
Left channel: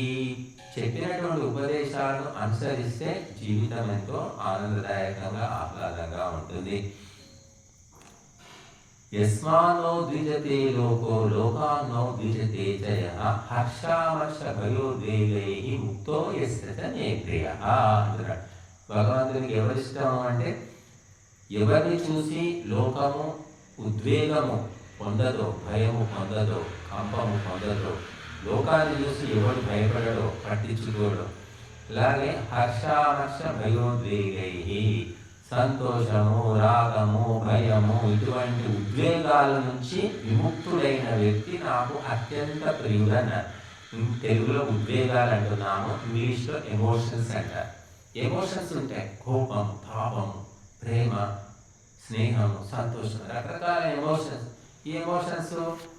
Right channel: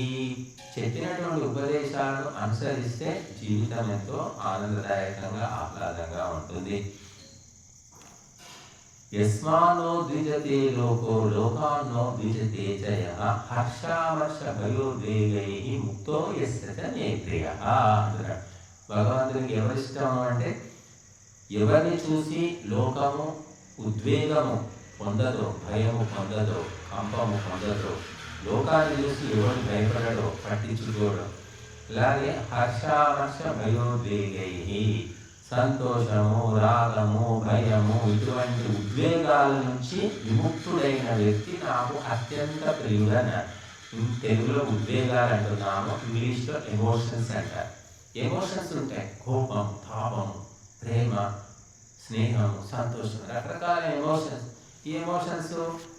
చెప్పినటువంటి ఉపదేశాలను అనుసరిస్తే జీవితం ఎంతో ఆనందదాయకంగా ఆహ్లాదంగా ఉంటుంది. యస్మాన్నో ద్విజతే లోకో లోకాన్నో ద్విజతే జయః హర్షామర్ష భయోద్వేగైః ముక్తో యస్య మే ప్రియః అంటున్నాడు. భగవంతునికి ఎవరిష్టము అంటే ఎవరిని చూసి లోకము ఉద్వేగము పొందదో, భయము పొందదో, కంపము పొందదో, లోకాన్ని చూసి ఎవడు భయపడడో, పట్టించుకోడు. అలాగే హర్షామర్ష భయోద్వేగై, సంతోషము, రాగము, భయము ఇటువంటి ఉద్వేగాల నుంచి విముక్తుడైన వ్యక్తి నాకు అత్యంత ప్రియుడన్నారు. తెలుగులో ఉద్వేగాలు అంటున్నాము, ఇంగ్లీష్లో ఎమోషన్స్ అంటారు. ఎమోషన్స్ ఉంటాయి, కోపం, తాపం, ప్రేమ, స్నేహం, సంతోషం, రకరకాల ఎమోషన్స్. ఈ ఎమోషన్స్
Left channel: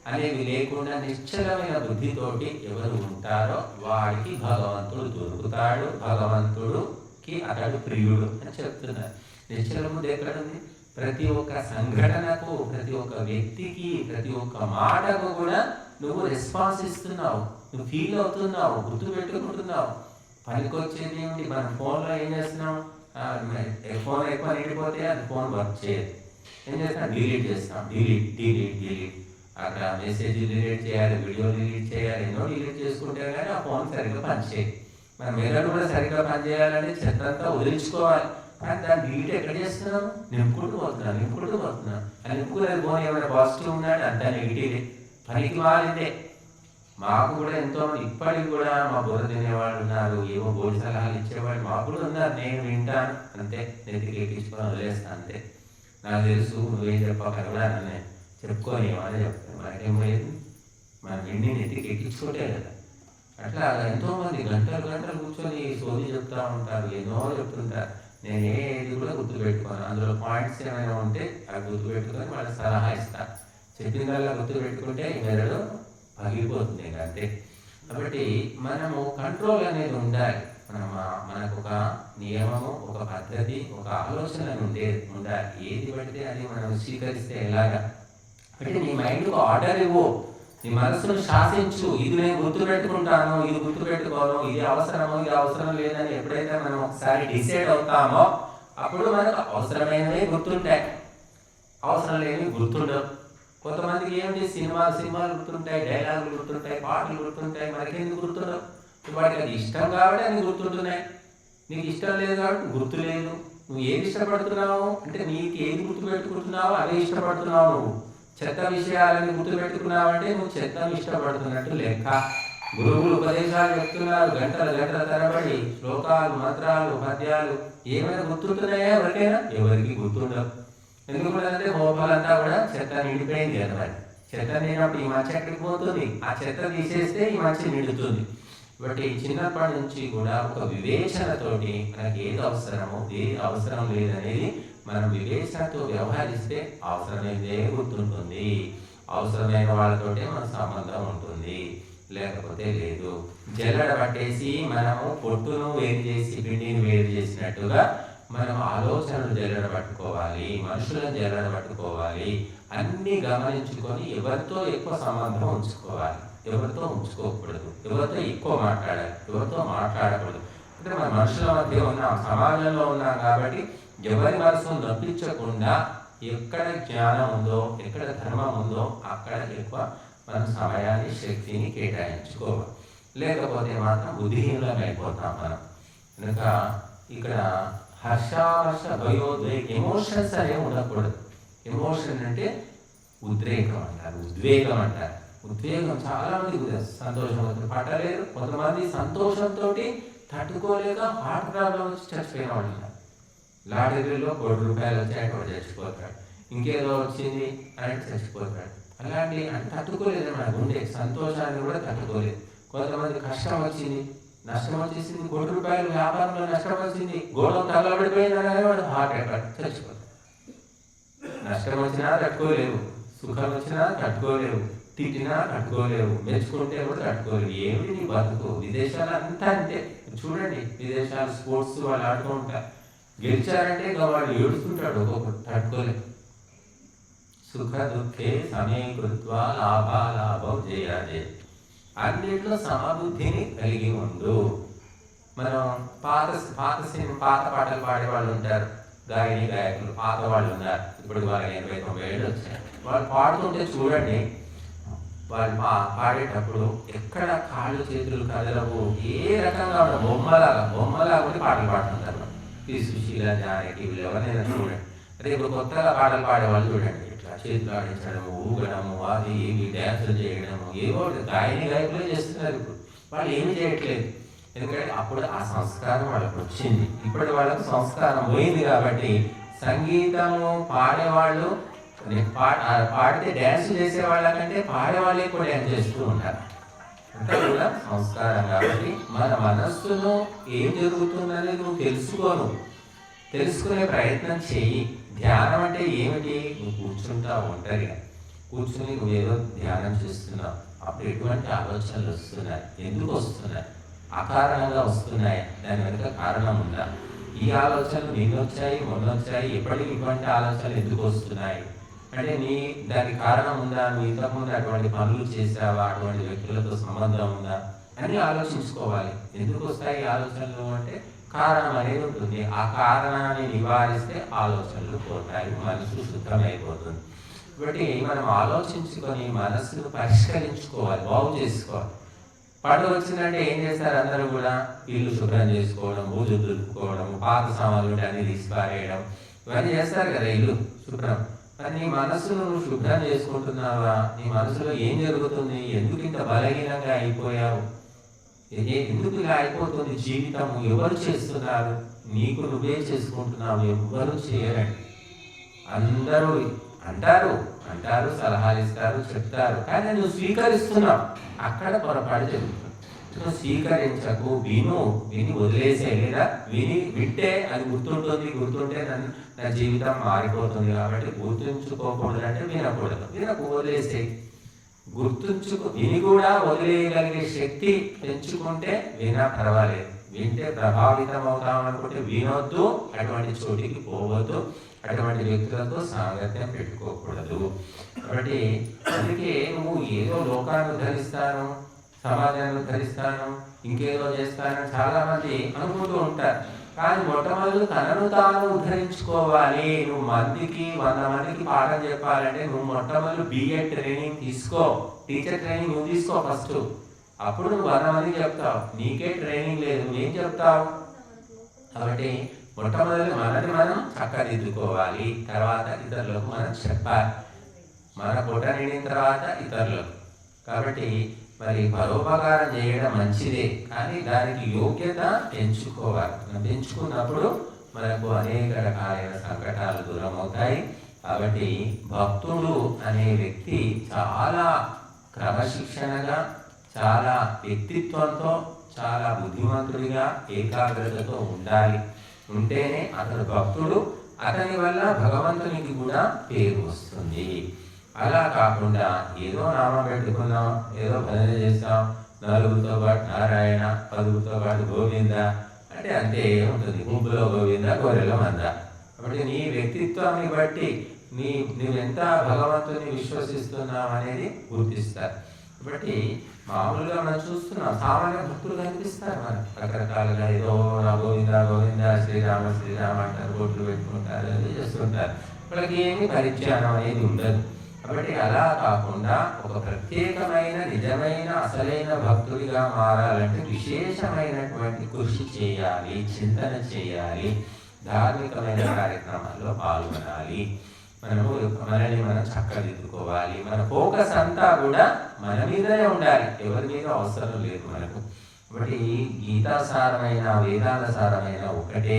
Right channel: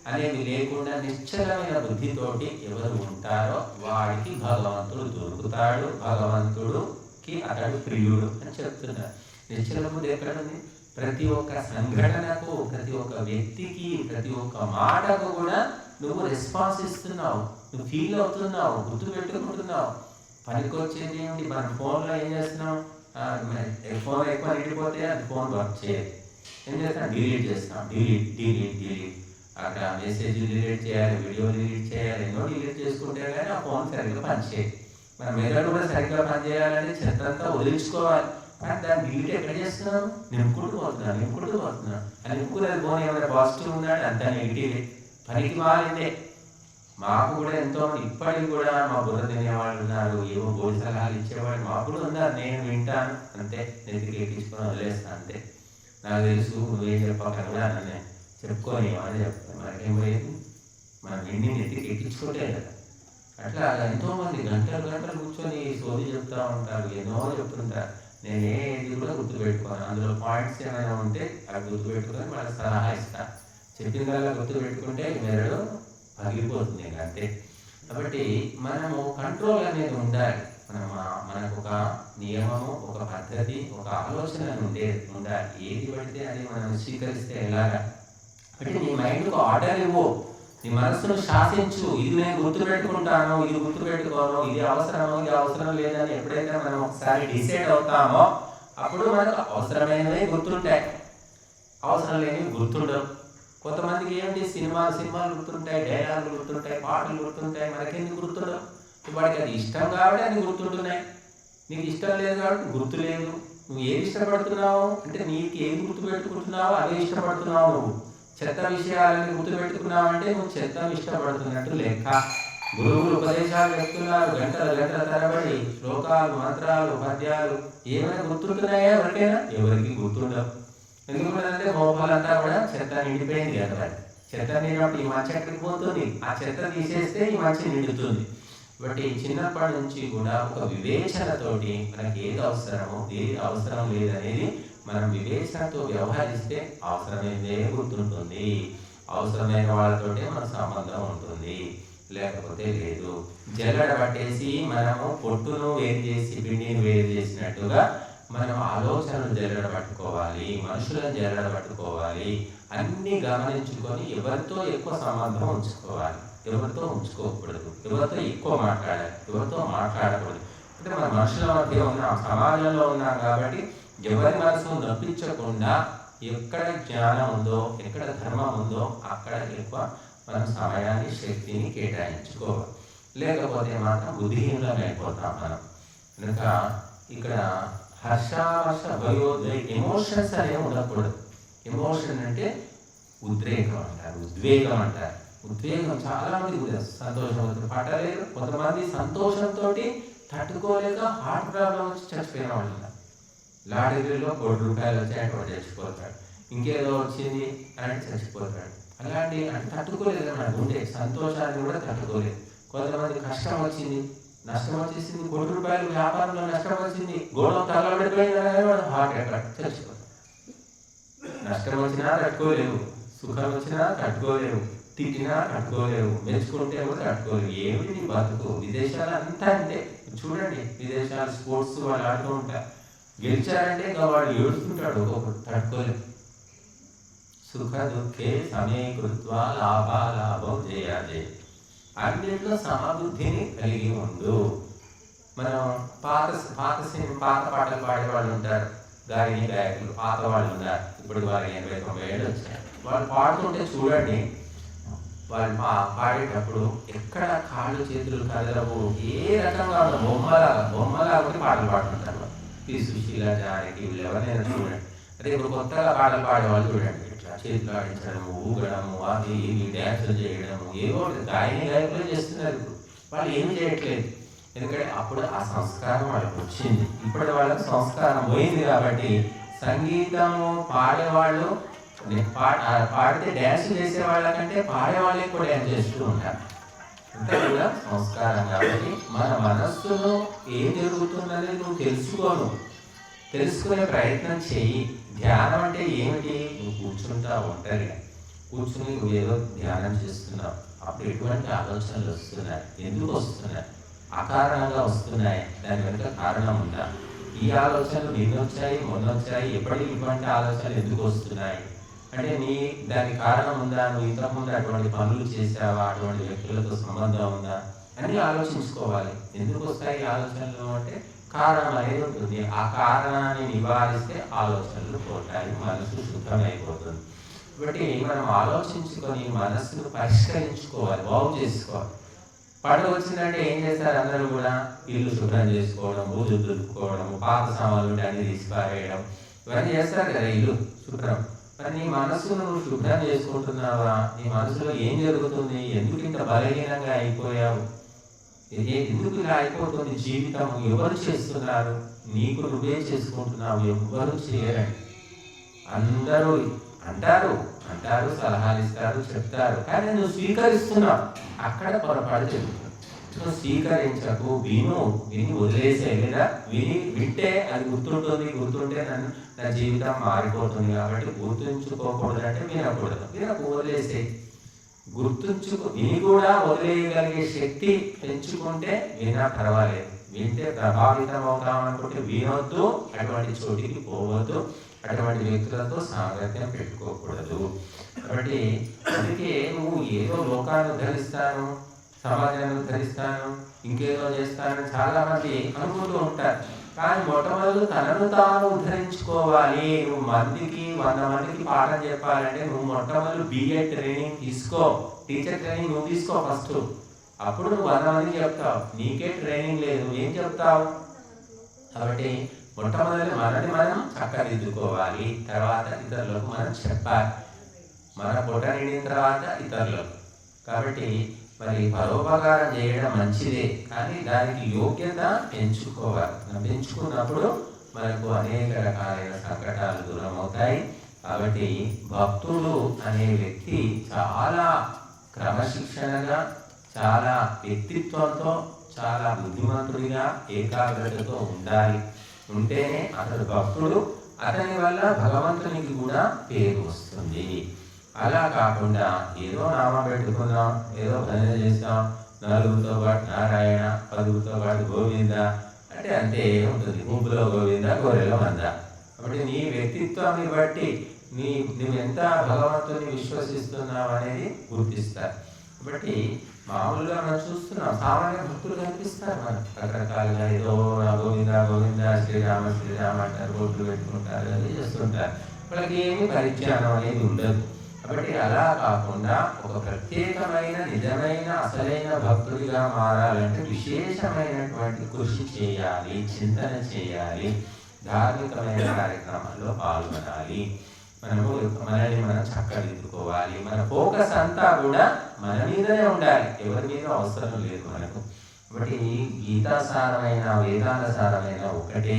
అనేవి లేకుండా నిశ్చలమైన బుద్ధితోటి ఎవరు ఉంటారో వాడికి భగవంతుడు దొరుకుతాడు, భగవంతుడికి అతడు ప్రియుడు అని చెప్తున్నారు. నిశ్చల బుద్ధి ఎక్కడ ఉంది? ప్రతి ఒక్క సంఘటనకు, ప్రతి ఒక్క వ్యక్తికి, ప్రతి ఒక్క మాటకు కూడా నువ్వు రెస్పాన్స్ ఇస్తున్నావు, నువ్వు ఫీల్ అవుతున్నావు, గుర్తుపెట్టుకుంటున్నావు. పనికొచ్చేది ఏమిటి? మనం ఫోన్లో ఏం చేస్తున్నాం? ఫోన్ ఎక్కువ నిండిపోతే అది ఫోన్ వర్క్ చేయదు. ఏం చేస్తాం? డిలీట్ చేస్తాం. డిలీట్. అక్కడ మెసేజ్ డిలీట్ చేయాలి, వీడియో డిలీట్ చేయాలి, ఎన్నో డిలీట్ చేసుకుంటే కానీ ఆ ఫోన్ సరిగ్గా పనిచేయదు. మన మెదడు కూడా సరిగ్గా పనిచేయాలంటే చెత్తంతా వదిలించుకోవాలి. కానీ దాన్ని డిలీట్ ఎక్కడ చేస్తున్నాం? నింపుకుంటూ పోతున్నాం. ఆ నింపుకునేది ఫోన్ ఏమైనా పాజిటివ్ ఉన్నాడు, అంత నెగిటివే, పనికి మాలిందే. మాకు కూడా ఎంతోమంది ఇప్పటికి కూడా మా బుర్ర తినేవాళ్ళు ఉన్నారు, ఏవో బోడి సలహాలు ఇచ్చేవాళ్ళు మాకు కూడా ఉన్నారు. నేను వింటాను అంతే, నెత్తికి ఎక్కించుకొని వదిలేస్తాను అంతే. నాకు తెలుసు నువ్వేం చెప్పకని కూడా నేను చెప్పుకొని ఏమన్నా చెప్తాను. మనకేం పోయేది? మనం ఎన్ని నెత్తికి ఎక్కించుకుంటే కదా. అట్లా ఎంతోమంది గంటలు కూర్చొని సోది చెప్తూ ఉంటారు, ఎన్నో చెప్తుంటారు. నేను ఏది కూడా గుర్తుపెట్టుకోను. అందులో పాయింట్స్ ఏమైనా ఉంటే అవి గుర్తుపెట్టుకొని వాళ్ళకి సలహా ఇస్తాను. చెప్పిందల్లా గుర్తుపెట్టుకుంటే మెదడు పగిలిపోతుంది అంతే. కాబట్టి మనము కంట్రోల్ అనేది ఉండాలి. మనకు ఒక నియమము, ఒక పద్ధతి, ఒక ఆలోచన ఉండాలి. ఏది పడితే అది మనం స్వీకరిస్తే ఎలాగా? అంటే నీ మైండ్కు ఆర్డర్ ఇవ్వు, నీ మనస్సును శాసించు. ఇది నేను గుర్తుపెట్టుకుంటాను, ఇది గుర్తుపెట్టుకోను, ఇది అవసరము, ఇది అవసరం లేదని ఎప్పుడైతే మనం ఒకసారి డిసైడ్ అవుతామో అప్పుడు మనకు అవసరమైనవి గుర్తుంటాయి, అవసరం లేనివి గుర్తుండవు. కొంతమందికి ఏమిటి? సినిమాలు గుర్తుంటాయి, డైలాగులు గుర్తుంటాయి, పాటలు గుర్తుంటాయి. మనకెందుకు గుర్తుండవు? వాడికి అది ఇష్టం కాబట్టి అన్ని గుర్తుంటున్నాయి. నీకు ఇష్టం లేదు కాబట్టి గుర్తు లేదు. నువ్వు ఏది ఇష్టపడుతున్నావు అంటే నీకు ఏది గుర్తుపెట్టుకుంటున్నావు అవే ఇష్టపడుతున్నావు. నువ్వు చెత్త విషయాలన్నీ గుర్తుపెట్టుకున్నావంటే నువ్వు చెత్తను ఇష్టపడుతున్నట్టు లెక్క. గురువులు ఉపదేశాలు చెప్తున్నారు గంటల తరబడి, శ్లోకాలు, మంత్రాలు, పద్యాలు ఏమైనా గుర్తుంటున్నాయా ఎవరికైనా? ఎవరికి గుర్తుండవు. ఎందుకుంటుందంటే మోపలంతా కూడా చెత్త నిండిపోయింది కదా. మరి చెత్త నిండినప్పుడు ఈ మంచి ఎక్కడికి పోతుంది? ఆ చెత్త తీసేస్తే ఈ మంచి నిండుతుంది. కాబట్టి చిన్నప్పటి నుంచి కూడా ఒక వివేచనతోటి మనకి ఏది అవసరమో ఏది అవసరం లేదనేది మనం వివేచనతో వ్యవహరిస్తే అవసరమైనదే గుర్తుంటుంది, అవసరమైన వాళ్ళతోటే మనకు సంబంధం ఉంటుంది, లేకపోతే లేదు. జల్లడ పట్టేసి మనము పొట్టును వేరు చేసి పిండిని వేరు చేసినట్టుగా మనం ఆలోచనలు జల్లడ పట్టుకోవాలి, మనుషులను జల్లడ పట్టుకోవాలి. అన్నీ గమనించుకొని ఎవరితో ఎక్కువ సంబంధం ఉంచుకోవాలి, ఎవరితో ఉంచుకోకూడదు, ఎవరితో ఎక్కువ మాట్లాడాలి, ఎవరితో మాట్లాడకూడదు. అంటే మన మనుషుల మధ్య ఉన్నాం, సమాజంలో ఉన్నాం కాబట్టి ఎవరి మనసును నొప్పించకుండా ఎక్కడ జ్ఞానం ఉందో, ఎక్కడ ధర్మం ఉందో అక్కడ ఎక్కువ మనం సమయాన్ని, శక్తిని కేటాయించుకోవాలి. లేకపోతే మాత్రం బుద్ధిహీనులం అయిపోతాం మనం. కనుక ఇక్కడ హర్షావర్ష భయోద్వేగ ఎమోషన్స్ అనేవి ఉండకూడదు. ఎమోషన్ అంటే ఉద్రేకం అంటారు, ఉద్వేగం అంటారు. ఉద్వేగం చాలా మందికి సంతోషం అవుతుంది పట్టలేదు. కొంతమంది సంతోషంతో తట్టుకోలేక హార్ట్ ప్రాబ్లం వచ్చి చచ్చిపోయిన వాళ్ళు ఉన్నారు. లాటరీలో ₹1,00,00,000 వచ్చాయి, వాడు చచ్చిపోతాడు. ఇంకేదో వచ్చింది అంటే చచ్చిపోతాడు. అలాంటి అంటే తట్టుకోలేదు మన గుండె, సంతోషాన్ని కూడా తట్టుకోలేదు. కొంతమంది కష్టం వచ్చింది, నష్టం వచ్చేసింది, ₹1,00,00,000 వ్యాపారంలో నష్టం వచ్చింది, గొడవ తగలబడిపోయిందని వాడు హార్ట్ అటాక్ చచ్చిపోతాడు. నష్టం వచ్చినా తట్టుకోలేవు, సుఖం వచ్చినా తట్టుకోలేవు, తిట్టినా తట్టుకోలేవు, మెచ్చుకుంటే కూడా తట్టుకోలేవు. ఏమిటి నీ బతుకు? విదేశాలు అంతా అంతే. చూడండి, విదేశాలు స్పోర్ట్స్ వాళ్ళు ఆడుతూ ఉంటారు. గెలిచారంటే ఇంకా వాడు ఏడుస్తుంటాడు, ఒక్కొక్కరు తట్టుకోలేవు. సుఖ దుఃఖే సమీకృత్వా లాభాలాభం జయాజయ. అన్నింటిలో సమబుద్ధిని కలిగి ఉండు. మనం పాత పాటలు పాడేవాళ్ళు ఉంటారు, గాయకులు పాత వాళ్ళు ఉన్నారు. ఇప్పుడు వాళ్ళకి 80-90 ఏళ్ళు వచ్చాయి. వాళ్ళు పాడుతుంటే చూడండి, వాళ్ళు పాడేటప్పుడు ఎక్కడ కాళ్ళు చేతులు కదలవు, ఏ రకంగా ఉన్న బొమ్మలా ఉంటే పాటలు పాడుతుంటారు. పి. సుశీల, జానకి వీళ్ళు ఎవరైనా చూడండి. అదే ఇప్పుడు కొత్తగా పాటలు పాడేవాళ్ళు చూడండి, ఇట్లా చేతులు ఆడించడము, ఊగడము, అది ఏమి డ్యాన్సులు చేయడము, ఏవో గాయకులే చేస్తున్నారు. ఇప్పుడు వాళ్ళు ఏమి చేయట్లేదు, ఎందుకంటే అప్పుడు ఆ సంస్కారం వాళ్ళకి వచ్చింది. ఇప్పుడు వాళ్ళకి సంస్కారం పోయింది కాబట్టి సంగీతము పాడేవాళ్ళు పాడితే డ్యాన్స్ చేసే వాళ్ళకంటే పాడేవాళ్ళు ఎక్కువ డ్యాన్స్ చేస్తూ ఉంటారు. అంతా కూడా సంస్కారం. కాబట్టి మన మనస్సును ఏం జరుగుతుందనేది నువ్వు తెలుసుకునే ప్రయత్నం చెయ్యి. ధ్యానం అంటే ఏమిటి? నువ్వు కూర్చుంటా ఒంటరిగా కూర్చుని నువ్వేదో ధ్యానం చేస్తున్నావు. అప్పుడు ఎటువంటి ఆలోచనలు వస్తున్నాయి, ఎందుకు వస్తున్నాయి? అకారణంగా వస్తున్నాయి. దాని వెనుక కారణం ఉందా? ఈ ఆలోచనలు నిన్నొచ్చాయి, మొన్నొచ్చాయి, ఎప్పటికీ ఇటువంటి ఆలోచనలు ఎందుకు వస్తున్నాయి అంటే దానికి కారణం ఉందా? నువ్వు ఇంతకుముందు అటువంటి పనులు చేసావా? అటువంటి వ్యక్తులతో సంబంధం ఉందా అని ఆలోచించుకోవాలి. ఎందుకు వస్తాయి ఆలోచనలు అంటే కారణం అనేది ఉంటుంది. ఆ కారణాన్ని నివారిస్తే ఆలోచనలు పోతాయి, మనసు శుద్ధమైపోతుంది. కాబట్టి మనం ఆలోచించుకొని మనస్సును పరిష్కరించుకోవాలి, బాగు చేసుకోవాలి. పండుగ వచ్చిందంటే ఏం చేస్తారు? అందరూ కూడా ఇల్లు శుభ్రం చేసుకోవడం, బూజులు దులుపుకోవడం, పాత సామాన్లు ఉంటే అన్ని తీసి పారేయడం, ఇవన్నీ చేస్తారు కదా ఇల్లు శుభ్రం. మరి నీ మనస్సును నువ్వు శుభ్రం చేసుకుంటున్నావా? నీ మనసులో ఏం జరుగుతుంది? ఎందుకు ఇంత బలహీనంగా అయిపోయావు? ఎందుకు ఇలా అయిపోతుంది జీవితం? ఎవరు చేస్తున్నారు? నీకు నువ్వే చేసుకుంటున్నావు, ఎవరు చేయరండి. అందరూ అంటారు, సలహాలు ఇస్తారు, చెప్తారు, కానీ నువ్వు స్వీకరిస్తున్నావు. అక్కడ పొరపాటు జరుగుతుంది. నువ్వు స్వీకరించకు, విని వదిలేసే, లేదా వింటే అది గుర్తుంటే నా జీవితం మారిపోతుంది. కాబట్టి గుర్తుంచుకోకూడదంటే వినకు వదిలేసే. విని కూడా వదిలేయగలిగే శక్తి పెంచుకుంటే విన్నా పర్వాలేదు. వింటే ప్రభావితం అవుతాం అనుకుంటే వినొద్దు, అటువంటి చోటికి పోవద్దు, అటువంటి వ్యక్తులతో సాంగత్యం పెట్టుకోకూడదు. కాబట్టి అందుకే నువ్వు ఏదో లోకాన్ని ఉద్ధరిస్తాను, సమాజాన్ని ఉద్ధరిస్తాను, ఇంకేదో చేస్తానని చాలా మంది అనుకుంటూ ఉంటారు. కానీ మొట్టమొదటి తనను తాను ఉద్ధరించుకోవాలి. నువ్వు 100 మందికి పాఠం చెప్పాలంటే నువ్వు మొట్టమొదటి బిఎడ్ ట్రైనింగ్ తీసుకో, టీచర్ ట్రైనింగ్ నువ్వు తీసుకో ఫస్ట్. అప్పుడు నువ్వు 100 మందికి చెప్తావు. నీకే ట్రైనింగ్ లేదు, నువ్వేం చెప్తావు? కాబట్టి మొట్టమొదటి మనల్ని మనం చక్కదిద్దుకోవాలి, తర్వాత ఇతరులకు మనం చెప్పాలి. మన పొట్ట నిండిన తర్వాత ఇతరులకు. కాబట్టి మరి పరోపకారం చేయడం మంచిదే, కానీ దానికి యోగ్యత పెంచుకోవాలి. మనం పెంచుకున్నప్పుడు మనకు అనేక రకాలైన సంకటాలు దూరం అవుతాయి. కాబట్టి భక్తుడు అనే వ్యక్తి చాలా క్రమశిక్షణగా, చాలా వ్యక్తిత్వంతో, చాలా బుద్ధిమంతుడిగా, ఏకాగ్రతతో ఉండాలి. ఉంటేనే అతడు భక్తుడు. అతని వల్ల భగవంతునికి కూడా పేరు వస్తుంది. అలా కాకుండా ఏదో నామం పెట్టుకున్నాం, ఏదో భజన చేస్తాం, నలుగురితో పాటు నారాయణ, 10గురితో పాటు గోవింద అంటే అంతే ఉంటుంది. గుంపులో గోవింద, గొర్రెలో మంద. కాబట్టి నీ వ్యక్తిత్వాన్ని బట్టి నువ్వెంత భగవంతుని విశ్వసిస్తున్నావు అనేది గుర్తిస్తారు. కాబట్టి మామూలుగా మనం చూస్తున్నాం, సామాన్య భక్తులు కనిపిస్తారు మనకు రకరకాలుగా. ఏదో గోవింద గోవింద, శ్రీరామ శ్రీరామ అంటారు, బొట్లు పెట్టుకుంటారు, అది చేస్తుంటారు. వాళ్ళకి ఏమి పరిచయం అనేది ఉండదు. కాబట్టి అలా కాకుండా ఒక ప్రత్యేకమైన, నిజమైన, అసలైన భక్తుడిగా మారాలంటే విశేషమైనటువంటి కృషి చేయాలి, చింతన చేయాలి, ధార్మికమైన కార్యక్రమాల్లో పాల్గొనాలి. మనల్ని మనం చక్కదిద్దుకోవాలి. మన ఫోకస్ అంతా కూడా మన మీదనే ఉండాలి, ఎవరి మీద అవసరం లేదు మనకు. కాబట్టి గీతాసారమైన, వేదాంత సారమైన ఒకటే.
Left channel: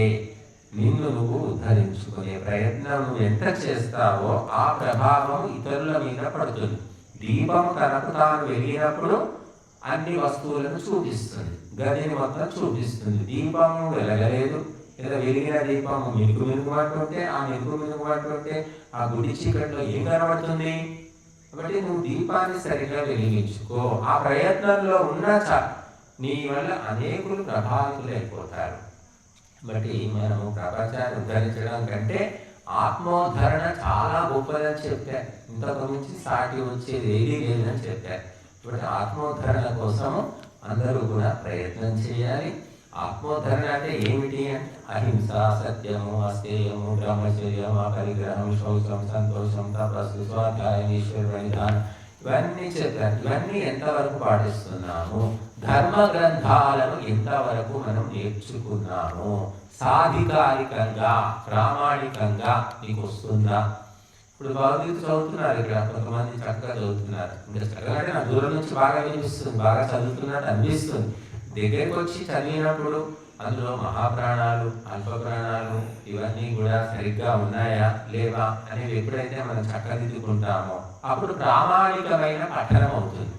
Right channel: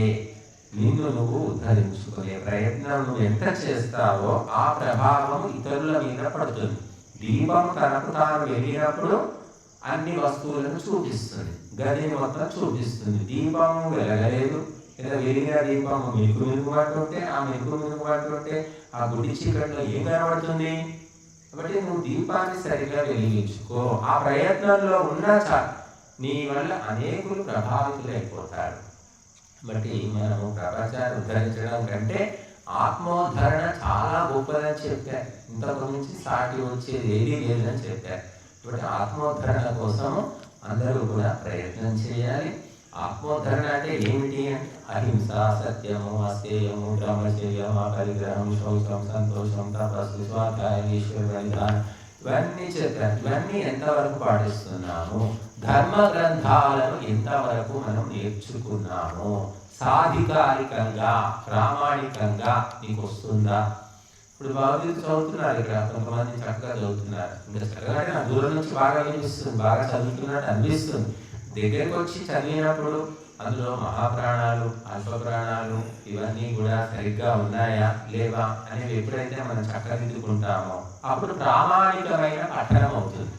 నిన్ను నువ్వు ఉద్ధరించుకునే ప్రయత్నం నువ్వు ఎంత చేస్తావో ఆ ప్రభావం ఇతరుల మీద పడుతుంది. దీపం తనకు తాను వెలిగినప్పుడు అన్ని వస్తువులను చూపిస్తుంది, గదిని మొత్తం చూపిస్తుంది. దీపం వెలగలేదు, లేదా వెలిగిన దీపం మినుకుమంటుంటే ఆ గుడ్డి చీకట్లో ఏం కనబడుతుంది? కాబట్టి నువ్వు దీపాన్ని సరిగా వెలిగించుకో. ఆ ప్రయత్నంలో ఉన్నా చాలు, నీ వల్ల అనేకులు ప్రభావితులైపోతారు. కాబట్టి మనము ప్రపంచాన్ని ఉద్ధరించడం కంటే ఆత్మోద్ధరణ చాలా గొప్పదని చెప్పారు. ఇంతకు మించి సాటి వచ్చేది ఏదీ లేదని చెప్పారు. కాబట్టి ఆత్మోద్ధరణ కోసం అందరూ కూడా ప్రయత్నం చేయాలి. ఆత్మోద్ధరణ అంటే ఏమిటి అంటే అహింస, సత్యము, అస్థేయము, బ్రహ్మచర్యం, అపరిగ్రహం, శౌచం, సంతోషం, తపస్సు, స్వాధ్యాయం, ఈశ్వర విధానం, ఇవన్నీ చెప్పారు. ఇవన్నీ ఎంతవరకు పాటిస్తున్నాము? ధర్మ గ్రంథాలను ఎంతవరకు మనం నేర్చుకున్నాము? సాధికారికంగా, ప్రామాణికంగా నీకు వస్తుందా? ఇప్పుడు భగవద్గీత చదువుతున్నారు, ఇక్కడ కొంతమంది చక్కగా చదువుతున్నారు. ఇంకా చక్కగా అంటే నాకు దూరం నుంచి బాగా అనిపిస్తుంది, బాగా చదువుతున్నట్టు అనిపిస్తుంది. దగ్గరికి వచ్చి చదివినప్పుడు అందులో మహాప్రాణాలు, అల్ప ప్రాణాలు ఇవన్నీ కూడా సరిగ్గా ఉన్నాయా లేవా అనేవి ఎప్పుడైతే మనం చక్కదిద్దుకుంటామో అప్పుడు ప్రామాణికమైన పఠనం అవుతుంది.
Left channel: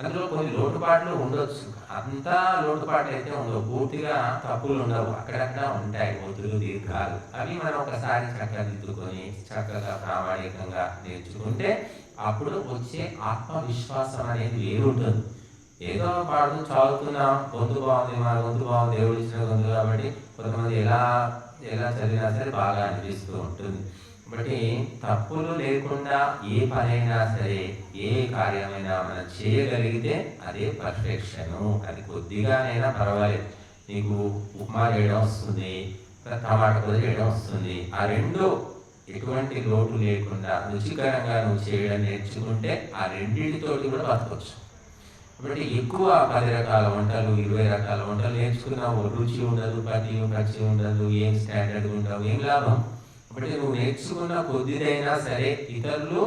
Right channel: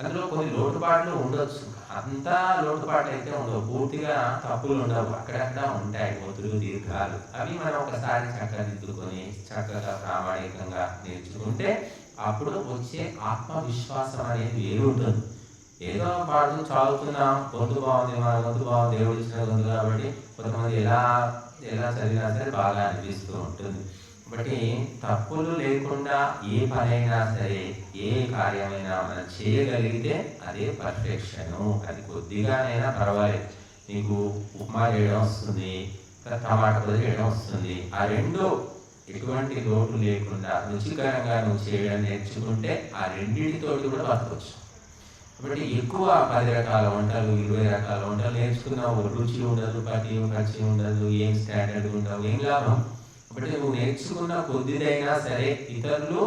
అందులో కొన్ని లోటుపాట్లు ఉండొచ్చు, అంతా లోటుపాట్లు అయితే ఉండవు, పూర్తిగా తప్పులు ఉండవు, అక్కడక్కడ ఉంటాయి ఒత్తులు, దీర్ఘాలు. అవి మనం ఒకసారి చక్కదిద్దుకొని చక్కగా ప్రామాణికంగా నేర్చుకుంటే అప్పుడు వచ్చే ఆత్మవిశ్వాసం అనేది వేరుంటుంది. ఏదో పాడుతూ చదువుతున్నాం, గొంతు బాగుంది, మన గొంతు బాగుంది, దేవుడు ఇచ్చిన గొంతు కాబట్టి కొంతమంది ఎలా చదివినా సరే బాగా అనిపిస్తూ ఉంటుంది. కాబట్టి తప్పులు లేకుండా ఏ పనైనా సరే, ఏ కార్యమైనా మనం చేయగలిగితే అదే పర్ఫెక్షను. అది కొద్దిగానైనా పర్వాలేదు. నీకు ఉప్మా చేయడం వస్తుంది, టమాటా కూడా చేయడం వస్తుంది, ఆ రెండు ఎటువంటి లోటు లేకుండా రుచికరంగా నువ్వు చేయడం నేర్చుకుంటే ఆ రెండింటితోటి కూడా బతకొచ్చు. కాబట్టి ఎక్కువ 10 రకాల వంటలు, 20 రకాల వంటలు నేర్చుకున్నావు, రుచి ఉండదు, పచ్చి ఉండదు, ఏం స్టాండర్డ్ ఉండవు, ఏం లాభం. కాబట్టి నువ్వు నేర్చుకున్న కొద్దిదైనా సరే ఇతరులు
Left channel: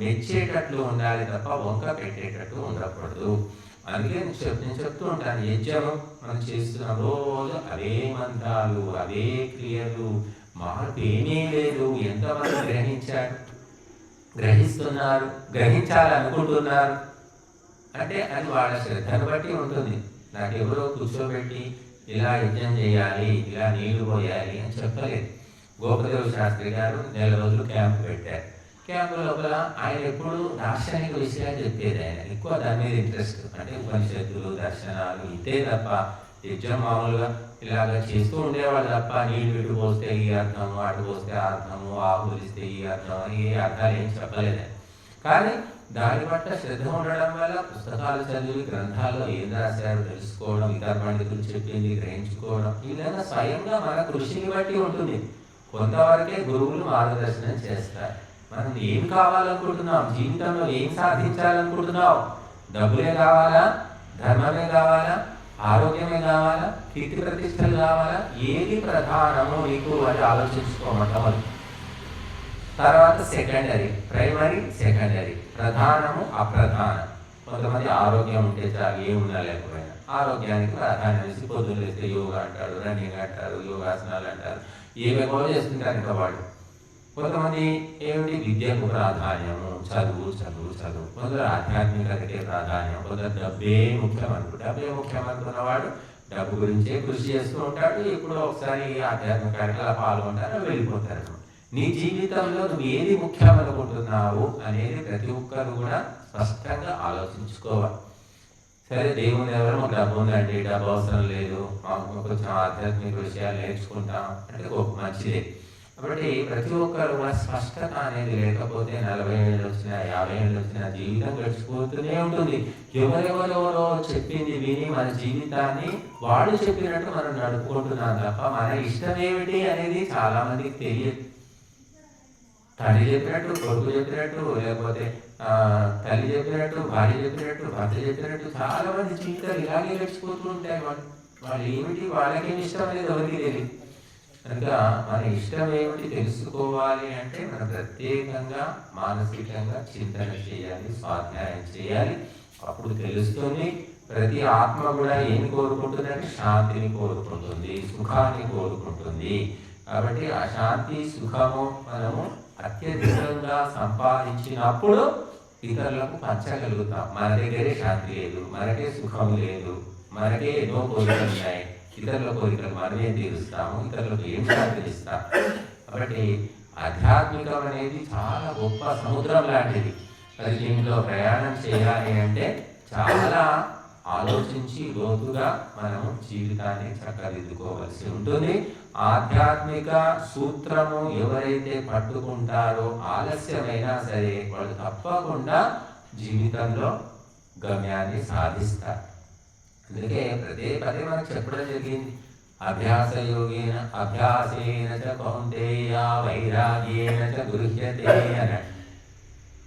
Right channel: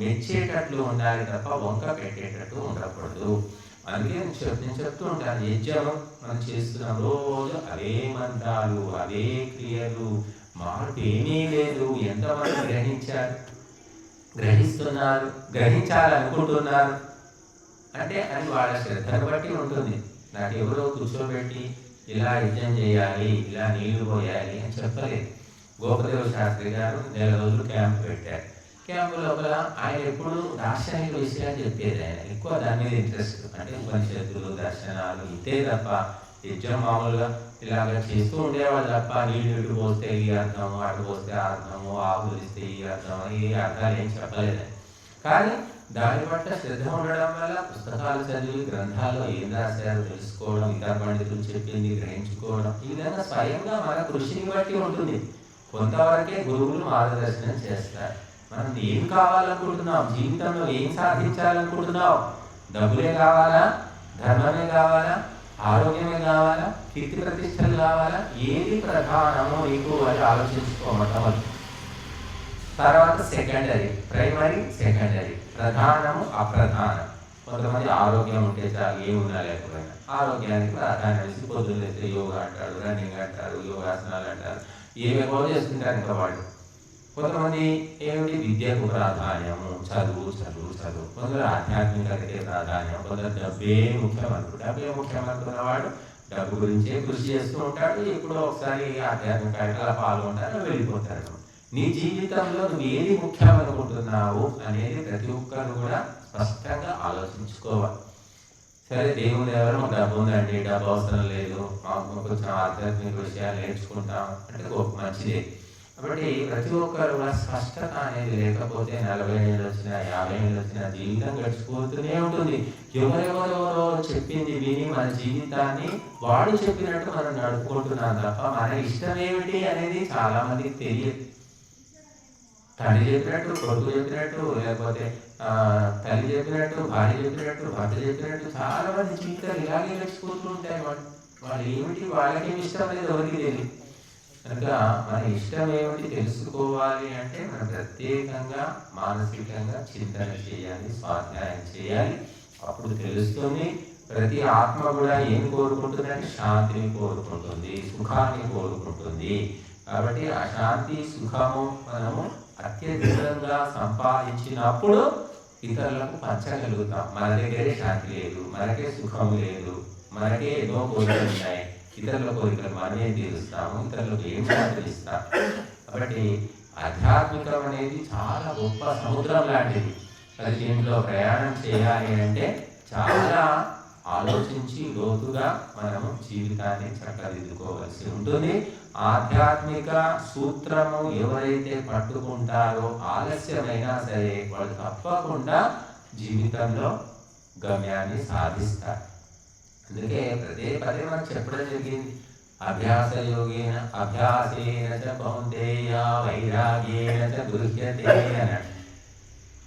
మెచ్చేటట్లు ఉండాలి తప్ప వంక పెట్టేటట్టు ఉండకూడదు. అందుకే నేను చెప్తూ ఉంటాను, యజ్ఞము మనం చేస్తున్నాం, రోజు అవే మంత్రాలు, అవే క్రియలు, మార్పు ఏమీ లేదు. ఎంతమంది గ్రహిస్తున్నారు, గ్రహించాలనుకుంటున్నారు అంటే అది వాళ్ళ శ్రద్ధను బట్టి ఉంటుంది. నాకు ఎవరో కూర్చోబెట్టి ఇలా యజ్ఞం చేయాలి, ఇలా నీళ్లు పోయాలి అని చెప్పలేదు. గోపదేవ శాస్త్రి గారు 4 రోజులు క్యాంపు పెట్టారు. క్యాంపు లోపల ఆయన ఎప్పుడు దార్శనిక విషయాలు చెప్పేది, ఆయన ఎక్కువ దాని మీద ఇంట్రెస్ట్. అంటే ఉపనిషత్తులు, దర్శనాలు ఇంతే తప్ప యజ్ఞం మామూలుగా ఇలాగ చేస్తూ ఉండేవాళ్ళు తప్ప నీళ్ళు ఇటు పోస్తే ఈ అర్థం, అటు పోస్తే ఆ అర్థము, ఆకులు ఇస్తే ఈ అర్థం అని ఏ అర్థాలు ఏం చెప్పలేదు. కానీ దాని పట్ల శ్రద్ధ ఉండడం వల్ల పుస్తకాలు చదివి గ్రంథాల్లో ఏం రాశారో తెలుసుకోవడం, ఇతర పండితులు చెప్పింది గ్రహించుకోవడం, ఈ విధంగా స్వయంగా మన కృషిని బట్టి ఉంటుంది. కొంతవరకే గురువులు మార్గదర్శనం చేస్తారు. మనం ఏం కావాలనుకుంటున్నాం, జీవితంలో ఏం సాధించాలనుకుంటున్నావు? డబ్బులే కావాలా, ధర్మమే కావాలా, ఆరోగ్యమే కావాలా, కీర్తి ప్రతిష్టలు కావాలా? ఏది ప్రధానము నీకు అది ఆలోచించుకోవడం. తర్వాత సెకండరీ, ప్రైమరీ, సెకండరీ, ప్రధానము, అప్రధానం. కొంతమంది ఆరోగ్యం ఉంటే చాలు, ఏమున్నా లేకపోయినా ఆరోగ్యానికి ప్రాధాన్యం ఇచ్చి పొద్దున్నేస్తే యోగా అంటారు, రన్నింగ్ అంటారు, యోగాసనాలు అంటారు, ఏమేమో చేస్తుంటారు ఇంకా వాళ్ళు. కొంతమంది ఏమిటి విద్యకు ప్రాధాన్యము, చదువు చదువు చదువు. కొందరు ఆధ్యాత్మికతకే ప్రాధాన్యం, కొందరు డబ్బే ముఖ్యం అనుకుంటారు. డబ్బే ముఖ్యం అనుకున్నవాడు డబ్బు గురించే కృషి చేస్తూ ఉంటాడు, ఎప్పుడో ఒకసారి ఆధ్యాత్మిక అలా పాల్గొంటారు, వెళ్ళిపోతారు. నీ జీవితంలో నువ్వు ఏది ముఖ్యం అనుకుంటున్నావు అనేది ప్రతి ఒక్కరు కూడా స్పష్టంగా ఆలోచించుకోవాలి. సరే, దేవుని దగ్గర మాకు డబ్బు ఉందండి, డబ్బు అవసరం లేదు, మాకు కొంచెం ఆధ్యాత్మిక విషయాలు నేర్చుకుంటాం అంటే మంచిదే. కాబట్టి ప్రతి ఒక్కరు కూడా స్పష్టత అనేది లేకపోతే 40 ఏళ్ళు వచ్చినా, 50 ఏళ్ళు వచ్చినా జీవితం గడిచిపోతూనే ఉంటుంది. ఎవరెవరెవరో చెప్పింది విని మన జీవితాన్ని వాళ్ళు చెప్పినట్టు మనం నడుపుకుంటున్నాం తప్ప మన ఇష్టం ఏమిటి అనేది చాలా మందికి తెలియదు. తండ్రి చెప్పినట్టు, కొడుకు చెప్పినట్టు, లేకపోతే తల్లి చెప్పినట్టు, భార్య చెప్పినట్టు, భర్త చెప్పినట్టు చాలా మంది జీవితాలు ఇలాగే గడిచిపోతూ ఉంటాయి. వాళ్ళు ఏమిటి, వాళ్ళకేమి ఇష్టం అనేది ఎవరికి తెలియదు. కనుక మన ఇష్టం ఏమిటి తెలుసుకోవాలి అంటే మనం ప్రత్యేకంగా మానసికంగా చింతన చేయాలి, స్వాధ్యాయం చేయాలి. అప్పుడు తెలుస్తుంది. ప్రతి ఆత్మ కూడా ఏం కోరుకుంటుందంటే శాంతిని కోరుకుంటుంది, సుఖాన్ని కోరుకుంటుంది. కాబట్టి ఆ శాంతి, సుఖము మనము అత్యధికంగా సంపాదించినప్పుడు ఇతరులకు పంచగలుగుతాం. మన దగ్గరే శాంతి లేదు, మనకే సుఖం లేదు, మనకే ఎన్నో కోరికలు ఉన్నాయి, ఇతరుల కోరికలు మనమే తీరుస్తాము, ఇతరులకు ఏం శాంతిస్తాం. కాబట్టి ఆధ్యాత్మికం అనేది చాలా గొప్ప సముద్రం లాంటిది. అది దీంట్లో ప్రయాణం చేయాలి అంటే చాలా ఆలోచించి లోతుగా మనము జీవితాన్ని చక్కదిద్దుకోవాల్సి ఉంటుంది. ఆధ్యాత్మిక సూత్రము ఎవరైతే పట్టుకుంటారో ఆలస్యమైనా సరే వాళ్ళు తప్పకుండా జీవితంలో గమ్యాన్ని సాధిస్తారు. అందుకే పదే మనకు చెప్పడం జరిగింది, అభ్యాసయోగేన అభ్యాసేన చ కౌంతేయ వైరాగ్యేన చ గృహ్యతే అన్నాడు.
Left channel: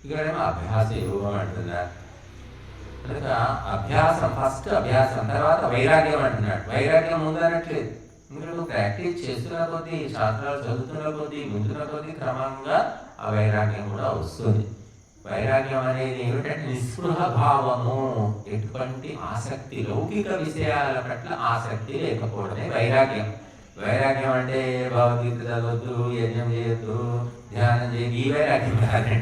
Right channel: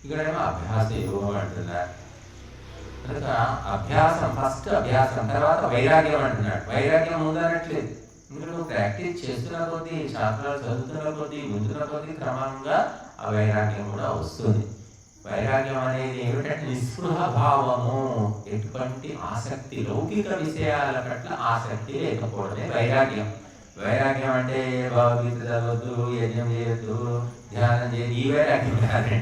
ఇక్కడేమో అభ్యాస యోగం అంటున్నారు. కనుక అభ్యాసం, ఫస్ట్ అభ్యాసం, తర్వాత వైరాగ్యం అంటున్నాడు. వైరాగ్యం ముందనట్లేదు. ఎందుకంటే నువ్వు ప్రాక్టీస్ చేస్తున్న కొద్దీ, శాస్త్రాలు చదువుతున్న కొద్దీ, వింటున్న కొద్దీ క్రమంగా ఆ వైరాగ్యం కూడా వస్తుంది. వైరాగ్యం అనేది ఏమిటంటే నిస్పృహ భావము, ఎటువంటి ఆసక్తి, లౌకిక విషయాల పట్ల ఆసక్తి లేకపోవడమే వైరాగ్యం. వైరాగ్యం అంటే భగవద్గీత చదవద్దు, యజ్ఞం చేయొద్దు, ధ్యానం చేయదు, ఈ వైరాగ్యం కాదండి.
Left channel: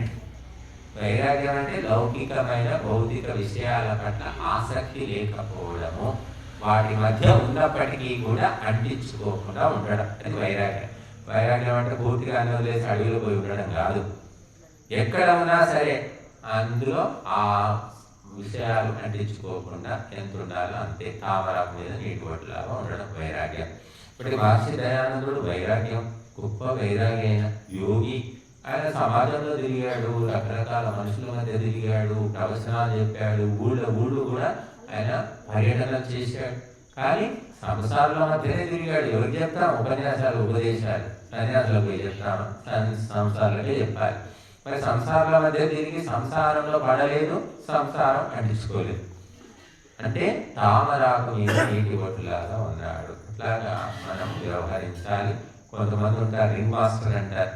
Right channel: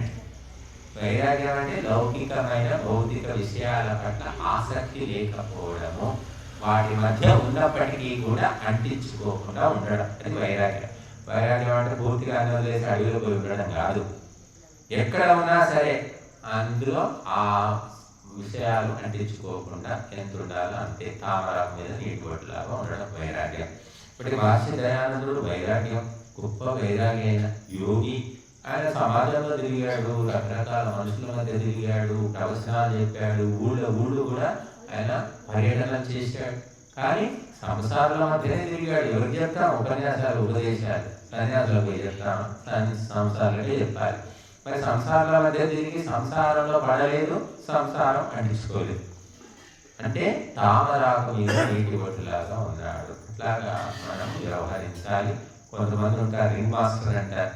వైరాగ్యం అంటే లౌకికమైన భౌతిక విషయాల పట్ల ఆసక్తి లేకపోవడము, వాటి మధ్య ఉన్నప్పటికీ కూడా అంటించుకోకుండా ఉండడం, అది వైరాగ్యం. వైరాగ్యం అంటే పూర్తిగా అన్ని వదిలేసి అడవిలో పోయి ఉండడం కాదు. ఎక్కడ ఉన్నా సరే అందులో ఆ విషయాలు అంటించుకోకుండా ఎంత ఉండాలో అంతే, తామరాకు మీద నీటి బొట్టులాగా ఉండడం వైరాగ్యం. ఇప్పటి మహర్షి దయానందుడు వైరాగ్యం, గొప్ప వైరాగ్య అయిన యోగి. ఆయన సమాజంలో తిరిగాడు, రకరకాల మనుషుల మధ్య తిరిగాడు, ప్రవచనాలు చెప్పాడు, ఊళ్ళు కూడా ఆయన పర్యటనలు చేశాడు. కానీ సంసారాల మధ్యనే తిరిగాడు. ఎవరికి చెప్తాం ఉపన్యాసాలు, ఉపదేశాలు? సన్యాసులకు చెప్తాం, సంసారాలకే చెప్పాలి. మరి సంసారాల మధ్య తిరిగి సంసారంలో పడలేదు, సంసారం అంటించుకోలేదు. అంటే తామరాకు మీద నీటి బొట్టులాగా ఉన్నాడు. ఇట్లాగా మనం వ్యవహరించాలి. కొంతమంది ఉంటారు రింగ్ మాస్టర్ అంటారు.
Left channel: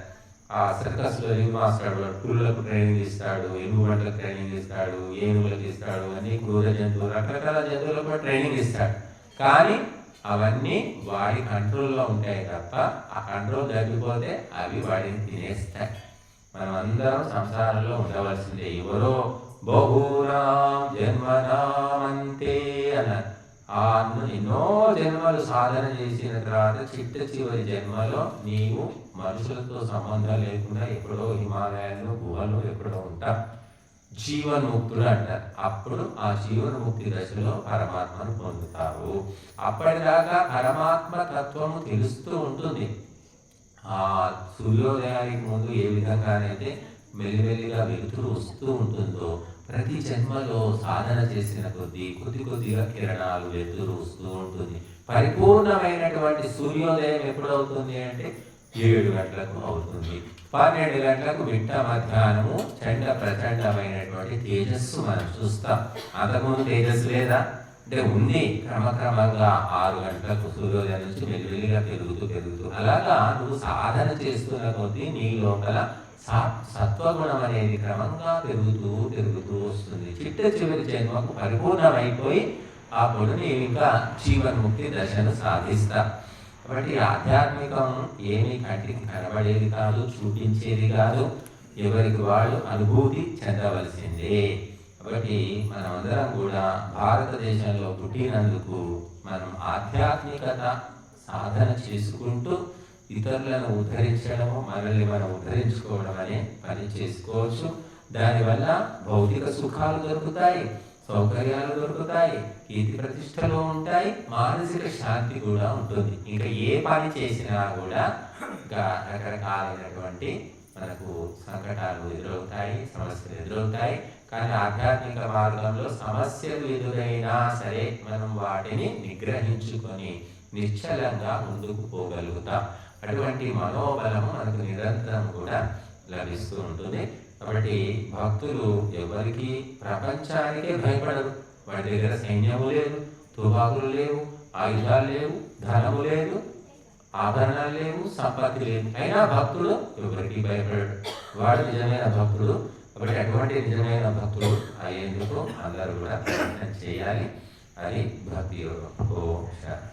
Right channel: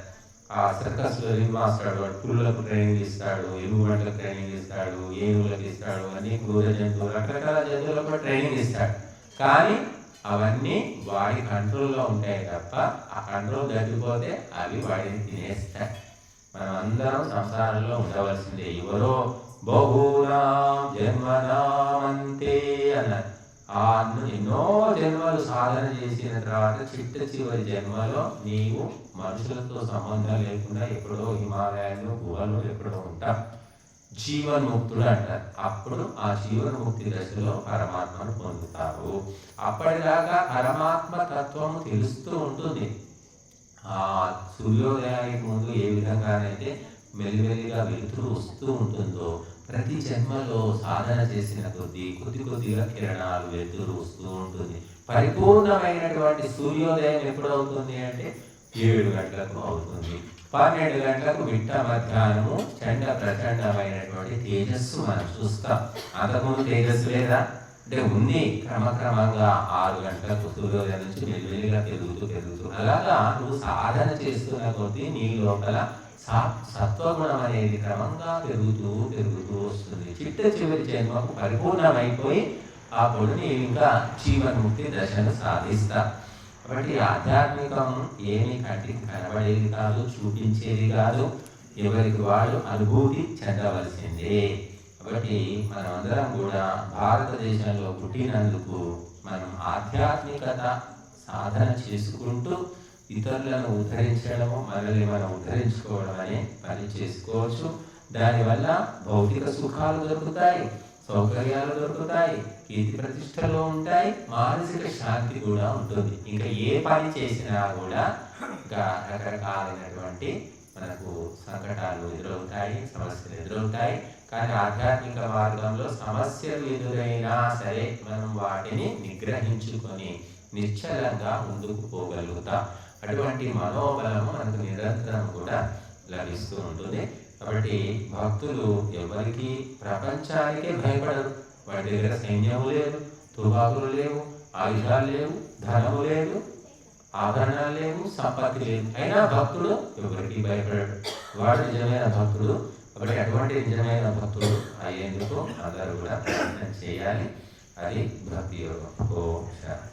ఆ సర్కస్లో రింగ్ మాస్టర్ పుల్లకు ట్రైనింగ్ ఇస్తాడు, ఎలుగుబంటలకు ట్రైనింగ్ ఇస్తాడు, ఏనుగులకు ఇస్తాడు, అన్ని క్రూర జంతువులు, రకరకాల జంతువులకు కూడా ట్రైనింగ్ ఇస్తాడు. కానీ అవన్నీ వాడి కంట్రోల్లో ఉంటాయి తప్ప ఆ కంట్రోల్ తగ్గిపోతే అవి వాడిని తినేస్తాయి. మనం అందరం సంసారంలో ఉండవలసిందే. ఎవరో బహూనాం జన్మనామంతే అన్నారు. ఎన్నో జన్మలు సాధన చేసిన తర్వాత చివరి జన్మలో నీవు మనుషులతో సంబంధం లేకుండా ఎక్కడో హిమాలయాల్లో గుహలో ఎక్కడో ఉంటావు, జీవన్ముక్తుడు అంటారు. అప్పుడు ఆ జీవన్ముక్తి దశలో పరమాత్మను పొందుతారు. అప్పటిదాకా పరమాత్మ తత్వము తెలుస్తూ ఉంటుంది. ఆ సూర్యోదయానికి ముందు ఏ విధంగానైతే మెల్లిమెల్లిగా వెలుతురు వస్తూ ఉంటుందో, ప్రతి జన్మలో సాధన చేసిన కొద్దిగా కిరణాలు వెలుతురు వస్తూ ఉంటుంది. పరిపూర్ణమైనటువంటి సూర్యోదయం ఎప్పుడవుతుంది అంటే 7 గంటలకు అవుతుంది. 12 గంటలకు మిట్ట మధ్యాహ్నము చండ ప్రచండమైనటువంటి తేజస్సు మనం చూస్తాం. అంతకుముందు తేజస్సు లేదా అంటే ఉంది. క్రమక్రమంగా 6 గంటలకు సూర్యోదయం నుంచి మెల్లిమెల్లిగా పెరుగుతూ అలాగా నువ్వు సాధన చేస్తున్న కొద్దీ నీ లోపల సత్వగుణం అనేది క్రమంగా పెరుగుతూ వస్తుంది. చివరి జన్మకు పరిపూర్ణమైపోయి అప్పుడు నీవు ఇంకా జీవన్ముక్తి దశను సాధిస్తా. కాబట్టి ఆధ్యాత్మికం ఏమీ కంటికి కనబడేది కాదు, చూపించేది కాదు, ఎవరికి వాళ్ళు అనుభూతి చెందవలసిందే. కాబట్టి మనమందరం కూడా భారతదేశంలో పుట్టినందుకు మనం ఆధ్యాత్మికత సాధన చేసుకుంటూ ఇతరులను ఉద్ధరించడము, మనల్ని మనం ఉద్ధరించుకోవడం అనే పని చేసుకోవచ్చు. దానివల్ల భౌతిక సుఖాలు దొరుకుతాయి, సౌకర్యాలు దొరుకుతాయి, కీర్తి ప్రతిష్టలు ఉంటాయి, మానసిక శాంతి కూడా ఉంటుంది. ఇంకా ఏ పని చేసినా కూడా ఇంకా రకరకాలైనటువంటి మనకు సంకటాలు ఎదురవుతాయి, సమస్యలు ఎదురవుతాయి. కానీ ఆధ్యాత్మిక మార్గంలో సమస్యలు ఎదురైనా సరే మనం వాటిని నిగ్రహించుకొని నిశ్చలంగా ముందుకు పోగలుగుతాం. అటువంటి మనోబలము మనకు నిరంతరం కూడా లభిస్తూ ఉంటుంది. కాబట్టి భక్తులు ఎవరికి ప్రపంచానికే భయపడరు. వాడి దగ్గర సైన్యము లేదు, తుపాకులు లేవు, ఆయుధాలు లేవు, ధనము లేదు, ఆభరణాలు లేవు, సంపత్తి లేదు. అయినా భక్తుడు ఎవరికి భయపడడు. వాడు నిజమైన భక్తుడు. కాబట్టి అటువంటి నిజమైన భక్తుడు అయ్యేందుకు అందరూ కూడా ప్రయత్నం చేయాలి. అది భక్తి యోగం. ఓం శాంతి.